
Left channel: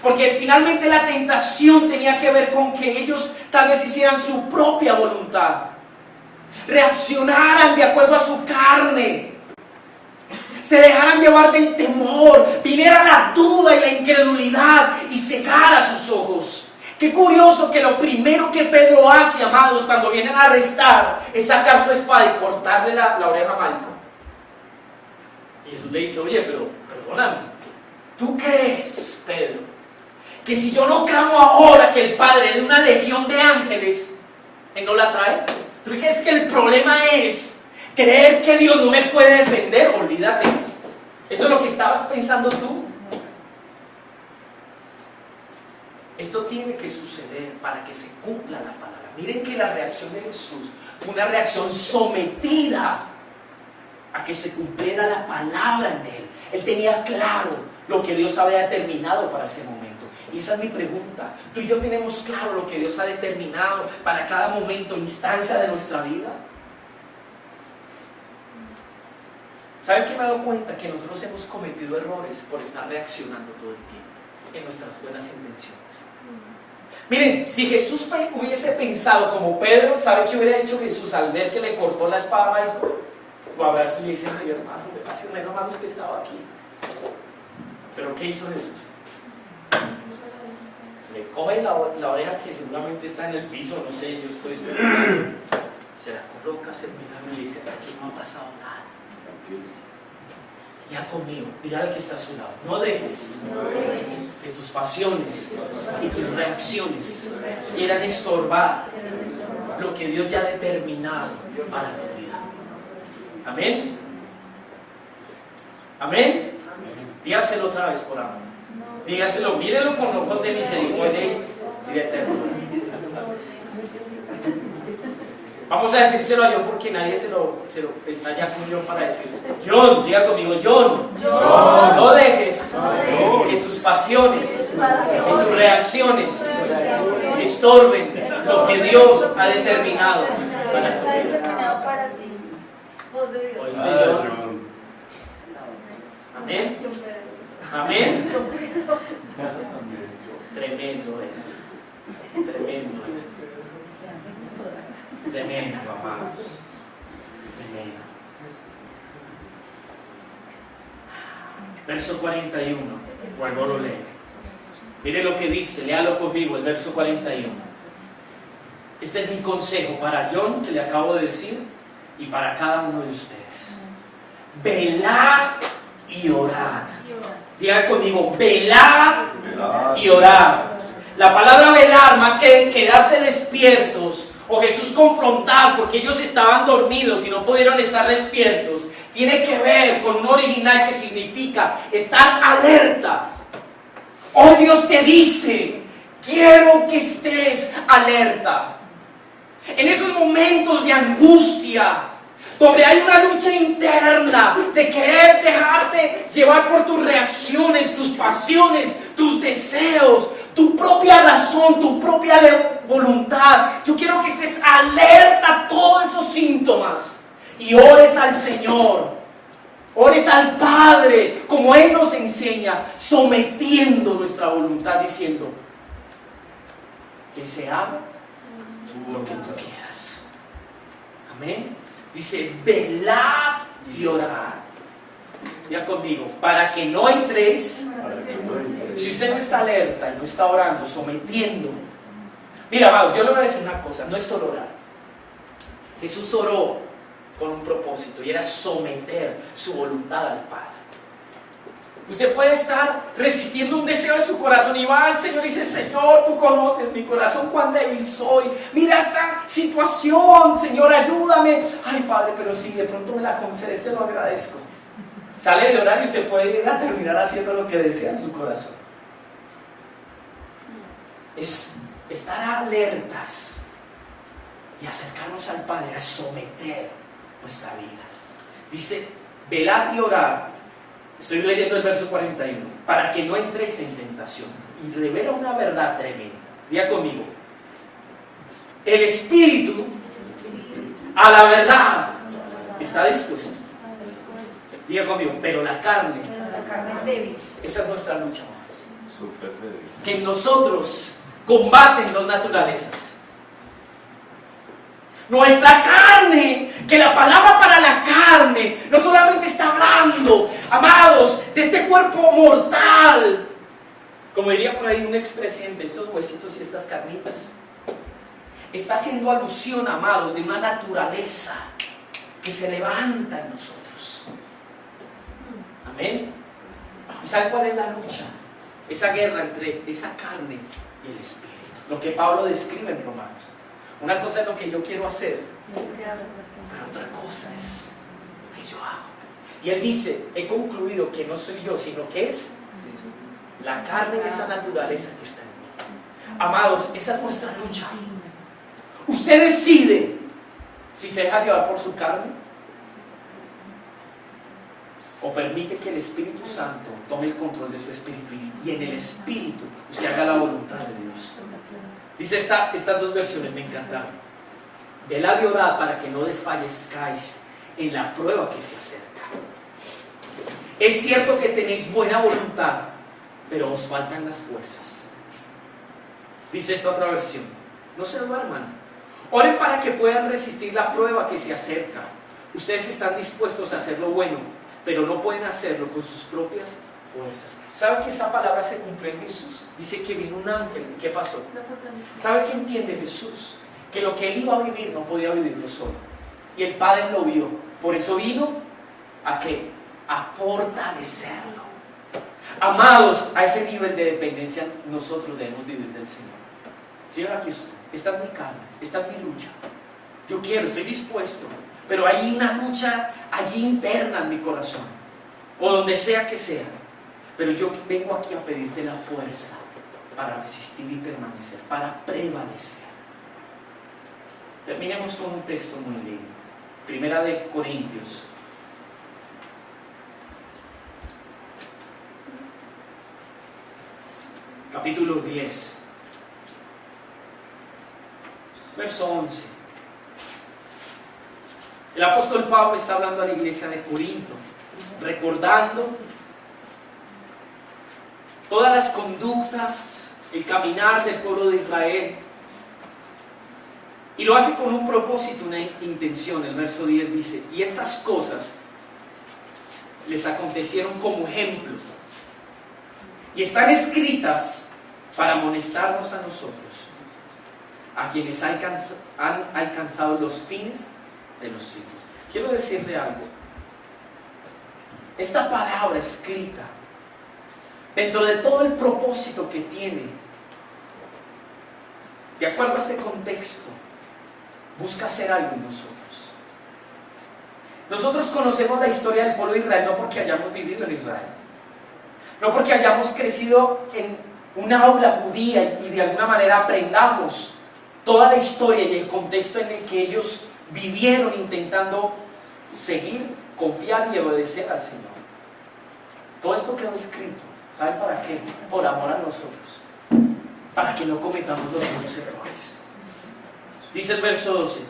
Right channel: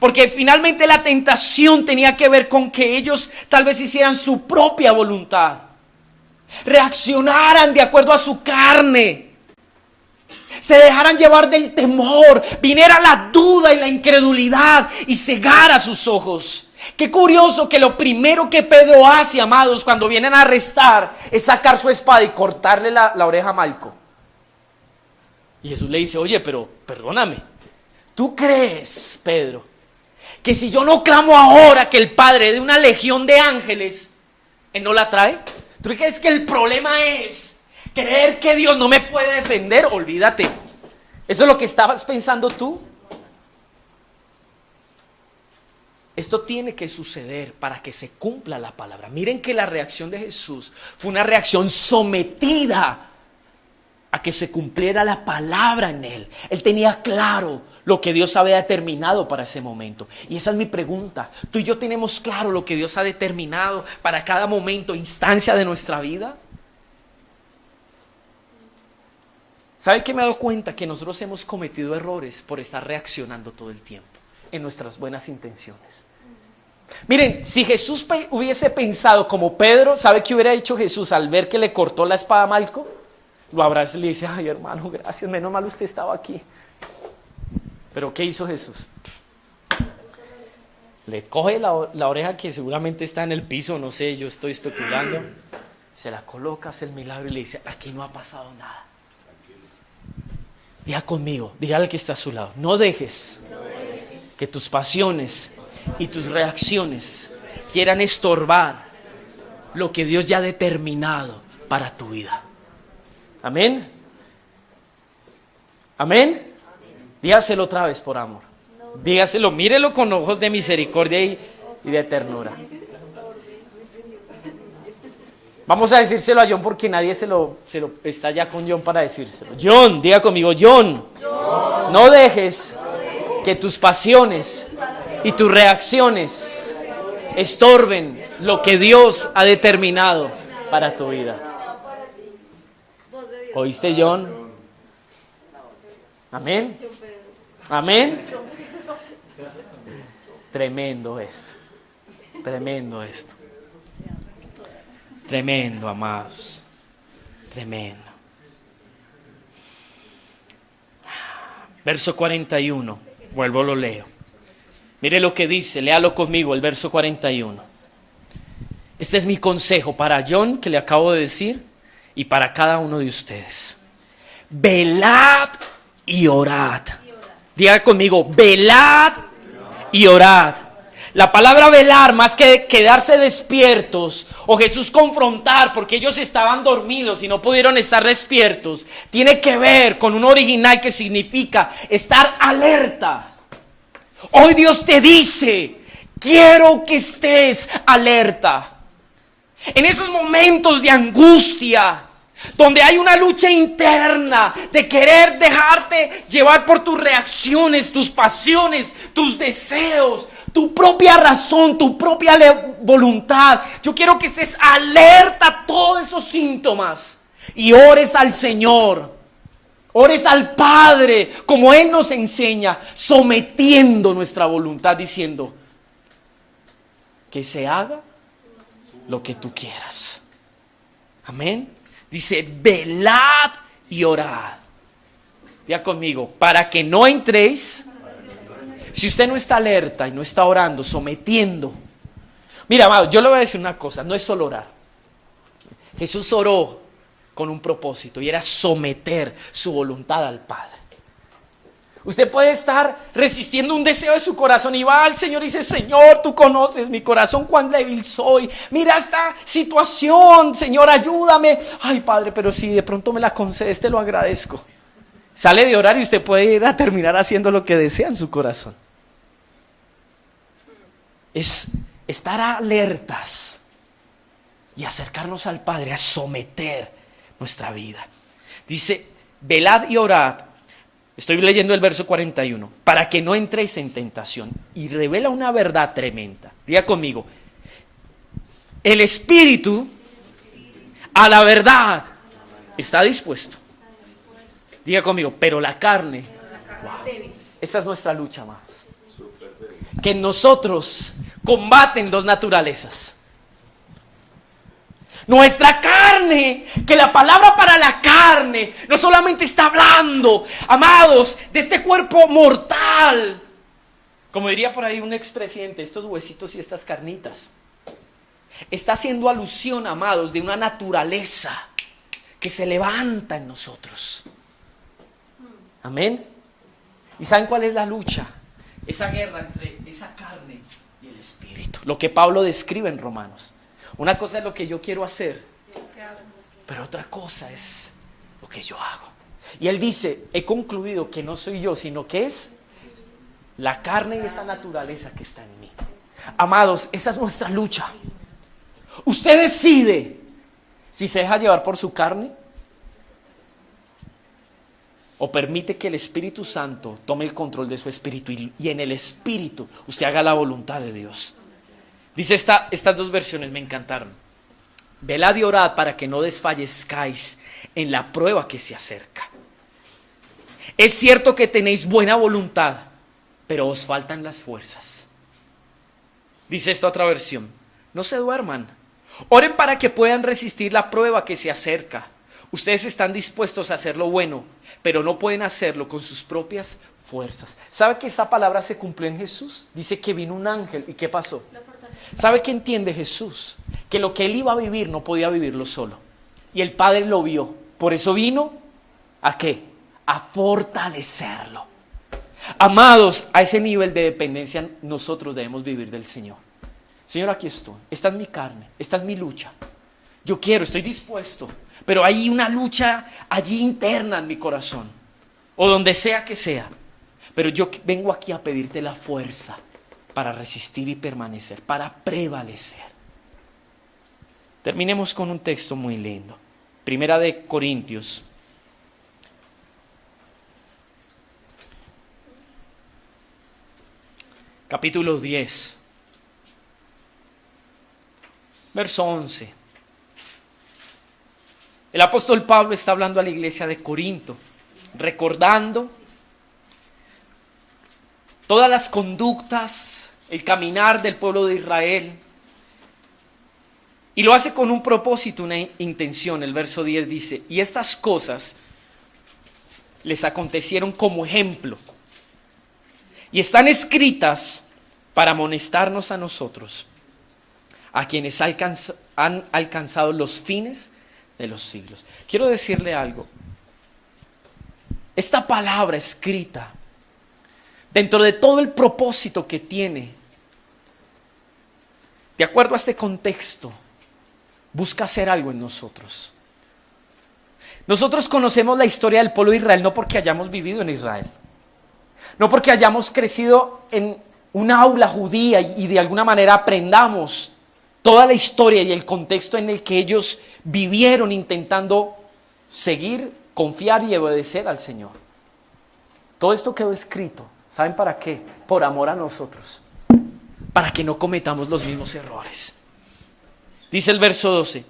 Porque finalmente la tentación tenía que ver con que ellos tal vez hicieran su propia voluntad, reaccionaran de acuerdo a su carne, se dejaran llevar del temor, viniera la duda y la incredulidad y cegara sus ojos. Qué curioso que lo primero que Pedro hace, amados, cuando vienen a arrestar, es sacar su espada y cortarle la oreja a Malco. Y Jesús le dice: oye, pero perdóname, ¿tú crees, Pedro, que si yo no clamo ahora que el Padre de una legión de ángeles, Él no la trae? ¿Tú crees que el problema es creer que Dios no me puede defender? Olvídate. ¿Eso es lo que estabas pensando tú? Esto tiene que suceder para que se cumpla la palabra. Miren que la reacción de Jesús fue una reacción sometida a que se cumpliera la palabra en Él. Él tenía claro lo que Dios había determinado para ese momento. Y esa es mi pregunta. ¿Tú y yo tenemos claro lo que Dios ha determinado para cada momento, instancia de nuestra vida? ¿Saben qué me he dado cuenta? Que nosotros hemos cometido errores por estar reaccionando todo el tiempo en nuestras buenas intenciones. Miren, si Jesús hubiese pensado como Pedro, ¿sabe qué hubiera hecho Jesús al ver que le cortó la espada a Malco? Lo abraza y le dice: ay, hermano, gracias, menos mal usted estaba aquí. Pero ¿qué hizo Jesús? Le coge la oreja que seguramente está en el piso, no sé, yo estoy especulando. Se la coloca, hace el milagro y le dice: aquí no ha pasado nada. Diga conmigo, diga al que está a su lado: no dejes que tus pasiones y tus reacciones quieran estorbar lo que Dios ya ha determinado para tu vida. Amén. Amén. Dígaselo otra vez por amor. Dígaselo, mírelo con ojos de misericordia y de ternura. Vamos a decírselo a John porque nadie se lo está ya con John para decírselo. John, diga conmigo: John, no dejes que tus pasiones y tus reacciones estorben lo que Dios ha determinado para tu vida. ¿Oíste, John? Amén. Amén. Tremendo esto. Tremendo esto. Tremendo, amados. Tremendo. Verso 41. Vuelvo, lo leo. Mire lo que dice, léalo conmigo, el verso 41. Este es mi consejo para John, que le acabo de decir, y para cada uno de ustedes. Velad y orad. Diga conmigo: velad y orad. La palabra velar, más que quedarse despiertos o Jesús confrontar porque ellos estaban dormidos y no pudieron estar despiertos, tiene que ver con un original que significa estar alerta. Hoy Dios te dice: quiero que estés alerta. En esos momentos de angustia, donde hay una lucha interna de querer dejarte llevar por tus reacciones, tus pasiones, tus deseos, tu propia razón, tu propia voluntad. Yo quiero que estés alerta a todos esos síntomas y ores al Señor, ores al Padre, como Él nos enseña, sometiendo nuestra voluntad, diciendo: que se haga lo que tú quieras. Amén. Dice: velad y orad. Ya conmigo: para que no entréis. Si usted no está alerta y no está orando, sometiendo. Mira, amado, yo le voy a decir una cosa: no es solo orar. Jesús oró con un propósito y era someter su voluntad al Padre. Usted puede estar resistiendo un deseo de su corazón y va al Señor y dice: Señor, tú conoces mi corazón, cuán débil soy. Mira esta situación, Señor, ayúdame. Ay, Padre, pero si de pronto me la concedes, te lo agradezco. Sale de orar y usted puede ir a terminar haciendo lo que desea en su corazón. Es estar alertas y acercarnos al Padre, a someter nuestra vida. Dice: velad y orad. Estoy leyendo el verso 41. Para que no entréis en tentación. Y revela una verdad tremenda. Diga conmigo: el espíritu a la verdad está dispuesto. Diga conmigo: pero la carne es débil. esa es nuestra lucha más. Que en nosotros combaten dos naturalezas. Nuestra carne, que la palabra para la carne no solamente está hablando, amados, de este cuerpo mortal. Como diría por ahí un expresidente: estos huesitos y estas carnitas. Está haciendo alusión, amados, de una naturaleza que se levanta en nosotros. Amén. ¿Y saben cuál es la lucha? Esa guerra entre esa carne y el espíritu. Lo que Pablo describe en Romanos. Una cosa es lo que yo quiero hacer, pero otra cosa es lo que yo hago. Y él dice: he concluido que no soy yo, sino que es la carne y esa naturaleza que está en mí. Amados, esa es nuestra lucha. Usted decide si se deja llevar por su carne o permite que el Espíritu Santo tome el control de su espíritu y en el espíritu usted haga la voluntad de Dios. Dice estas dos versiones, me encantaron. Velad y orad para que no desfallezcáis en la prueba que se acerca. Es cierto que tenéis buena voluntad, pero os faltan las fuerzas. Dice esta otra versión: no se duerman, oren para que puedan resistir la prueba que se acerca. Ustedes están dispuestos a hacer lo bueno, pero no pueden hacerlo con sus propias fuerzas. ¿Sabe que esa palabra se cumplió en Jesús? Dice que vino un ángel. ¿Y qué pasó? ¿Sabe qué entiende Jesús? Que lo que él iba a vivir no podía vivirlo solo. Y el Padre lo vio. Por eso vino ¿a qué? A fortalecerlo. Amados, a ese nivel de dependencia nosotros debemos vivir del Señor. Señor, aquí estoy. Esta es mi carne. Esta es mi lucha. Yo quiero, estoy dispuesto. Pero hay una lucha allí interna en mi corazón. O donde sea que sea. Pero yo vengo aquí a pedirte la fuerza para resistir y permanecer, para prevalecer. Terminemos con un texto muy lindo. Primera de Corintios. Capítulo 10. Verso 11. El apóstol Pablo está hablando a la iglesia de Corinto, recordando todas las conductas, el caminar del pueblo de Israel. Y lo hace con un propósito, una intención. El verso 10 dice: y estas cosas les acontecieron como ejemplo y están escritas para amonestarnos a nosotros, a quienes han alcanzado los fines de los siglos. Quiero decirle algo. Esta palabra escrita, dentro de todo el propósito que tiene, de acuerdo a este contexto, busca hacer algo en nosotros. Nosotros conocemos la historia del pueblo de Israel no porque hayamos vivido en Israel, no porque hayamos crecido en una aula judía y de alguna manera aprendamos toda la historia y el contexto en el que ellos vivieron intentando seguir, confiar y obedecer al Señor. Todo esto quedó escrito. ¿Saben para qué? Por amor a nosotros, para que no cometamos los mismos errores. Dice el verso 12:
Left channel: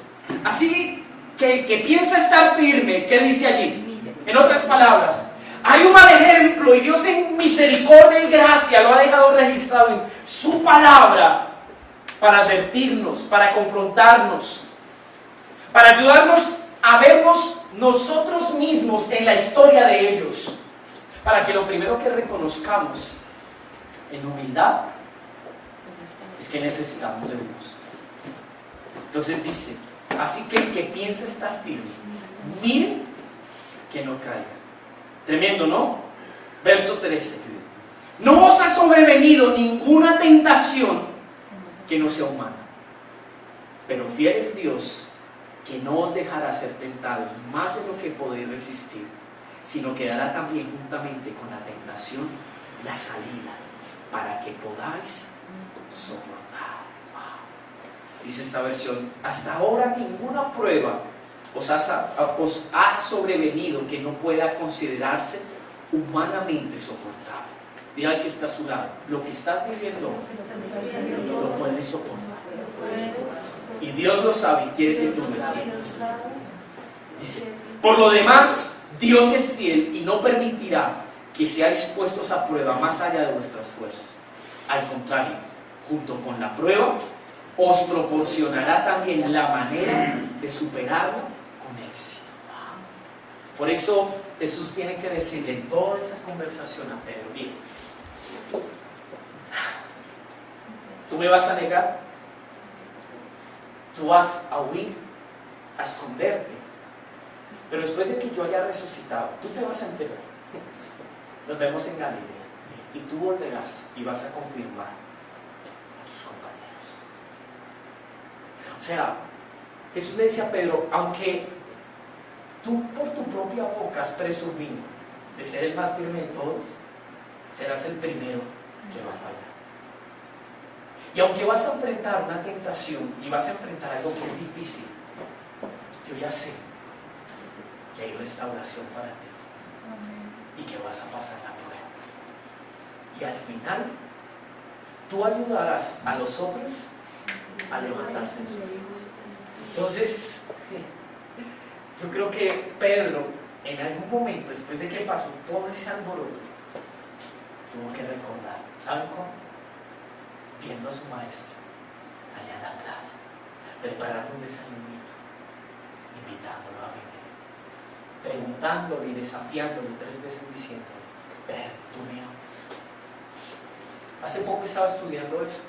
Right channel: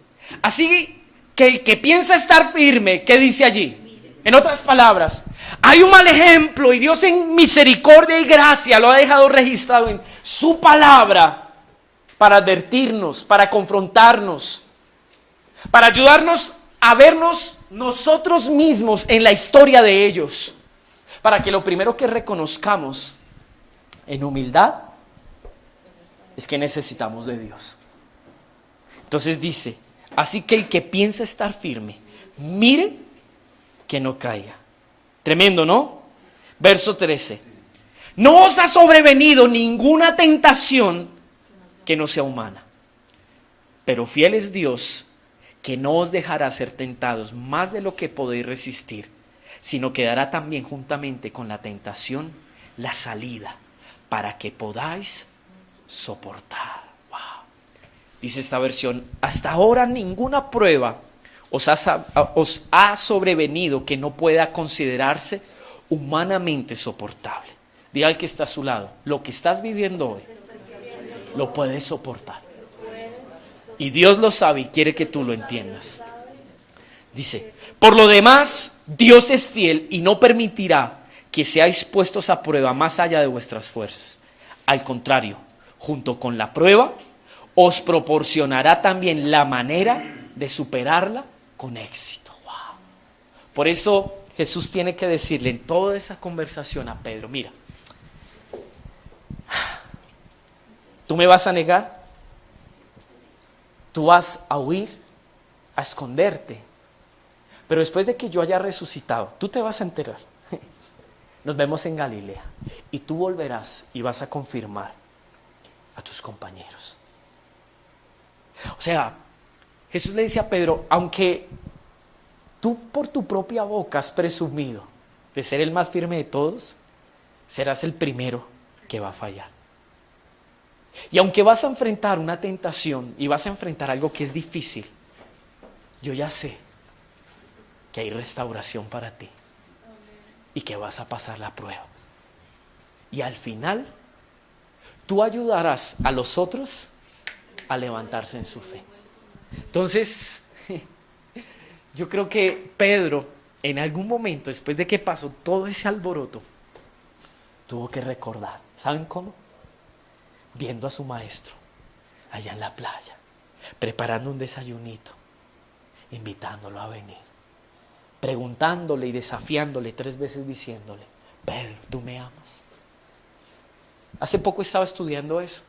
así que el que piensa estar firme, ¿qué dice allí? En otras palabras, hay un mal ejemplo y Dios en misericordia y gracia lo ha dejado registrado en su palabra para advertirnos, para confrontarnos, para ayudarnos a vernos nosotros mismos en la historia de ellos, para que lo primero que reconozcamos en humildad es que necesitamos de Dios. Entonces dice: así que el que piensa estar firme, mire que no caiga. Tremendo, ¿no? Verso 13. No os ha sobrevenido ninguna tentación que no sea humana. Pero fiel es Dios, que no os dejará ser tentados más de lo que podéis resistir, sino que dará también juntamente con la tentación la salida, para que podáis soportar. Wow. Dice esta versión: hasta ahora ninguna prueba os ha sobrevenido que no pueda considerarse humanamente soportable. Diga al que está a su lado: lo que estás viviendo hoy, lo puedes soportar. Y Dios lo sabe y quiere que tú lo entiendas. Dice: por lo demás, Dios es fiel y no permitirá que seáis puestos a prueba más allá de vuestras fuerzas. Al contrario, junto con la prueba, os proporcionará también la manera de superarla con éxito. Wow. Por eso Jesús tiene que decirle en toda esa conversación a Pedro: mira, tú me vas a negar, tú vas a huir, a esconderte, pero después de que yo haya resucitado, tú te vas a enterar. Nos vemos en Galilea y tú volverás y vas a confirmar a tus compañeros. O sea, Jesús le decía a Pedro: aunque tú por tu propia boca has presumido de ser el más firme de todos, serás el primero que va a fallar. Y aunque vas a enfrentar una tentación y vas a enfrentar algo que es difícil, yo ya sé que hay restauración para ti y que vas a pasar la prueba. Y al final, tú ayudarás a los otros a levantarse en su fe. Entonces, yo creo que Pedro, en algún momento, después de que pasó todo ese alboroto, tuvo que recordar. ¿Saben cómo? Viendo a su maestro allá en la playa, preparando un desayunito, invitándolo a venir, preguntándole y desafiándole 3 veces, diciéndole: Pedro, ¿tú me amas? Hace poco estaba estudiando eso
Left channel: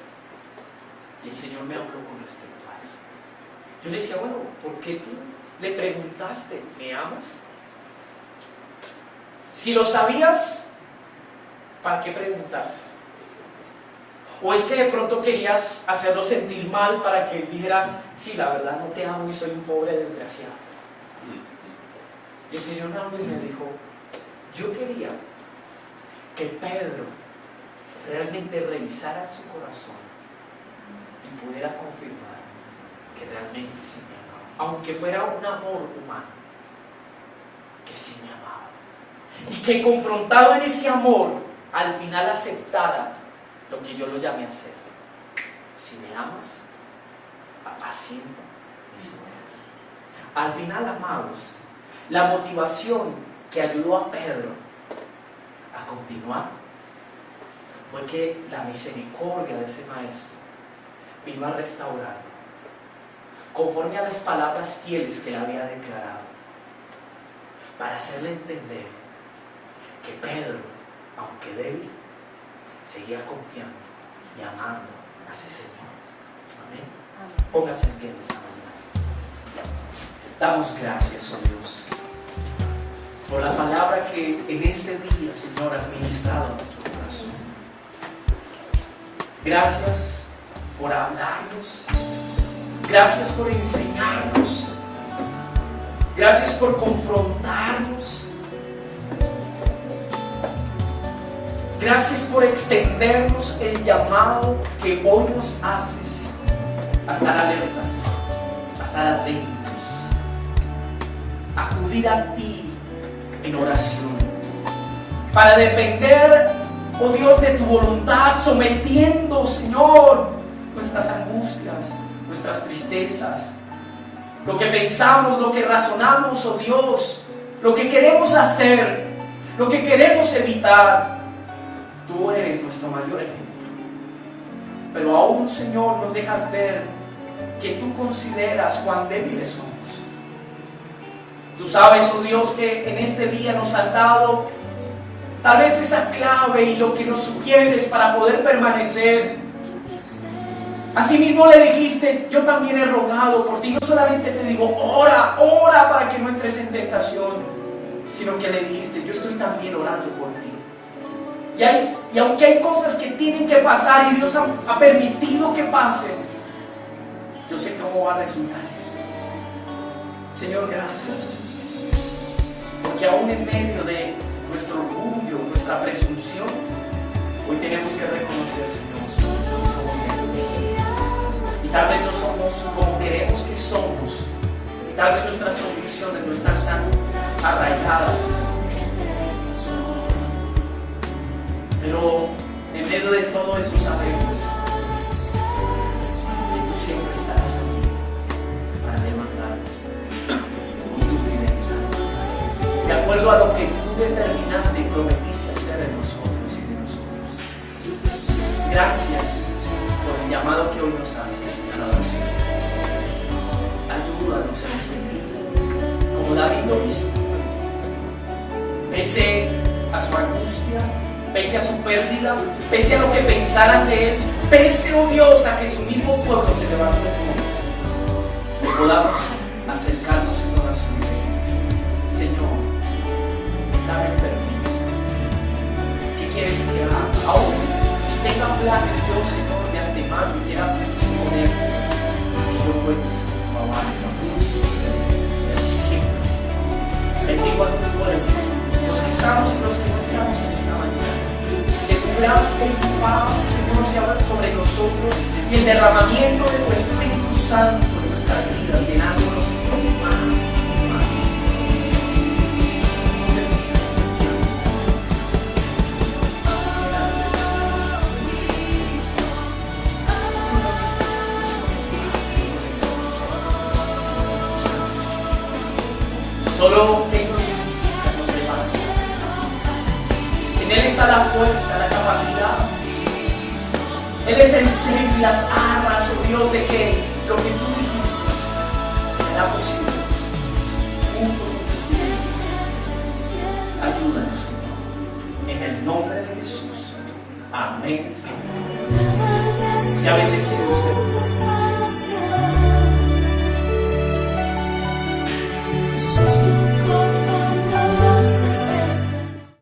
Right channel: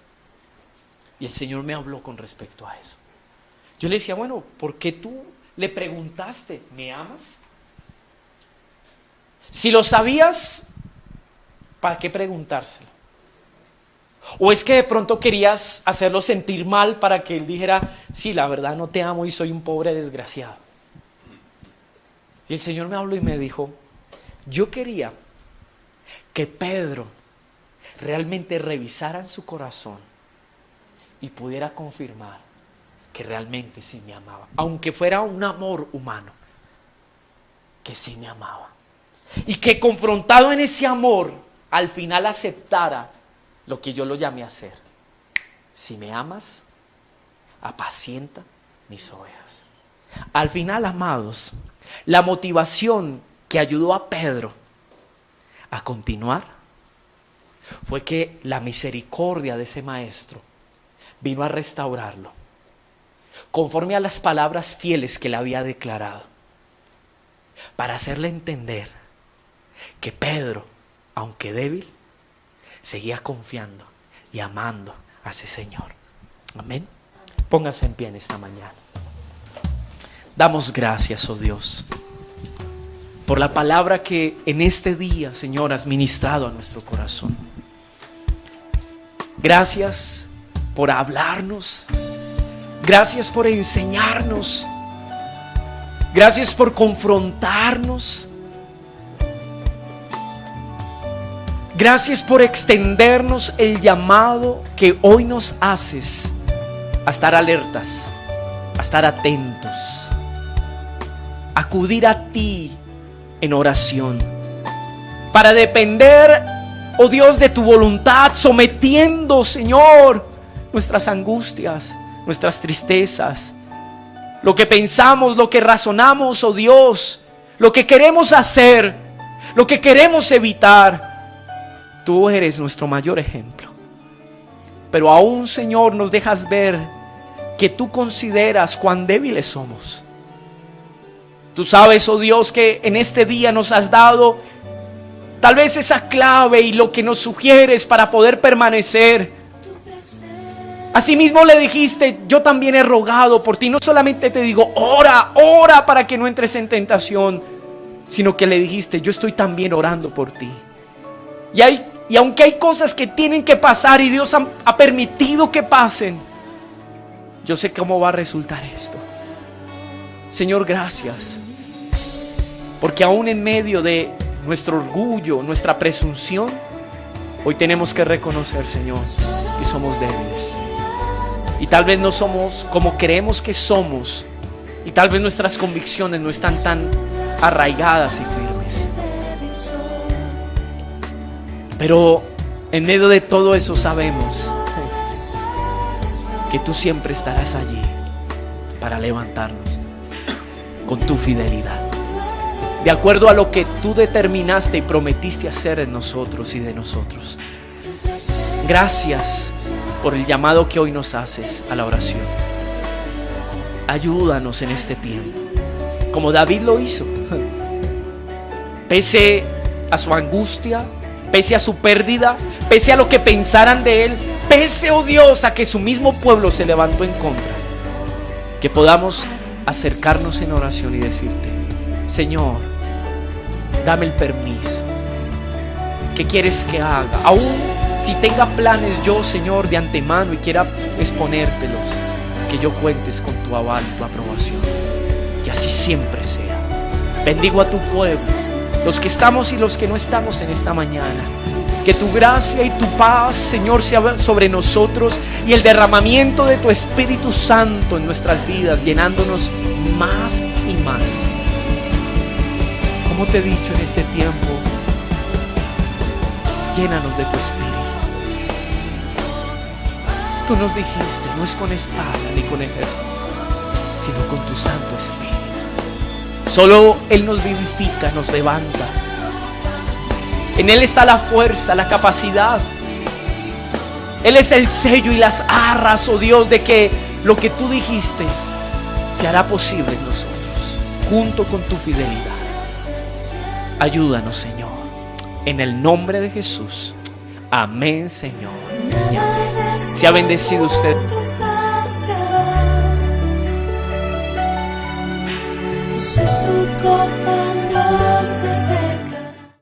y el Señor me habló con respecto a eso. Yo le decía: bueno, ¿por qué tú le preguntaste, ¿me amas? Si lo sabías, ¿para qué preguntarse? ¿O es que de pronto querías hacerlo sentir mal para que él dijera: sí, la verdad no te amo y soy un pobre desgraciado? Y el Señor me habló y me dijo: yo quería que Pedro realmente revisara en su corazón y pudiera confirmar que realmente sí me amaba, aunque fuera un amor humano, que sí me amaba, y que confrontado en ese amor al final aceptara lo que yo lo llamé a hacer. Si me amas, apacienta mis ovejas. Al final, amados, la motivación que ayudó a Pedro a continuar fue que la misericordia de ese maestro vino a restaurarlo conforme a las palabras fieles que le había declarado, para hacerle entender que Pedro, aunque débil, seguía confiando y amando a ese Señor. Amén. Póngase en pie en esta mañana. Damos gracias, oh Dios, por la palabra que en este día, Señor, has ministrado a nuestro corazón. Gracias por hablarnos. Gracias por enseñarnos. Gracias por confrontarnos. Gracias por extendernos el llamado que hoy nos haces a estar alertas, a estar atentos, a acudir a ti en oración, para depender, oh Dios, de tu voluntad, sometiendo, Señor, nuestras angustias, nuestras tristezas, lo que pensamos, lo que razonamos, oh Dios, lo que queremos hacer, lo que queremos evitar. Tú eres nuestro mayor ejemplo, pero aún, Señor, nos dejas ver que tú consideras cuán débiles somos. Tú sabes, oh Dios, que en este día nos has dado tal vez esa clave y lo que nos sugieres para poder permanecer. Asimismo le dijiste: yo también he rogado por ti. No solamente te digo: ora, ora para que no entres en tentación, sino que le dijiste: yo estoy también orando por ti. Y aunque hay cosas que tienen que pasar y Dios ha permitido que pasen, yo sé cómo va a resultar esto. Señor, gracias. Porque aún en medio de nuestro orgullo, nuestra presunción, hoy tenemos que reconocer, Señor, que somos débiles. Y tal vez no somos como creemos que somos. Y tal vez nuestras convicciones no están tan arraigadas y firmes. Pero en medio de todo eso sabemos que tú siempre estarás allí para levantarnos con tu fidelidad, de acuerdo a lo que tú determinaste y prometiste hacer en nosotros y de nosotros. Gracias por el llamado que hoy nos haces a la oración. Ayúdanos en este tiempo, como David lo hizo. Pese a su angustia, pese a su pérdida, pese a lo que pensaran de él, pese, oh Dios, a que su mismo pueblo se levantó en contra, que podamos acercarnos en oración y decirte: Señor, dame el permiso. ¿Qué quieres que haga? Aún si tenga planes yo, Señor, de antemano y quiera exponértelos, que yo cuentes con tu aval y tu aprobación. Que así siempre sea. Bendigo a tu pueblo, los que estamos y los que no estamos en esta mañana. Que tu gracia y tu paz, Señor, sea sobre nosotros, y el derramamiento de tu Espíritu Santo en nuestras vidas, llenándonos más y más. Como te he dicho en este tiempo, llénanos de tu Espíritu. Tú nos dijiste, no es con espada ni con ejército, sino con tu Santo Espíritu. Solo Él nos vivifica, nos levanta. En Él está la fuerza, la capacidad. Él es el sello y las arras, oh Dios, de que lo que tú dijiste se hará posible en nosotros, junto con tu fidelidad. Ayúdanos, Señor, en el nombre de Jesús. Amén, Señor. Y amén. Sea bendecido usted.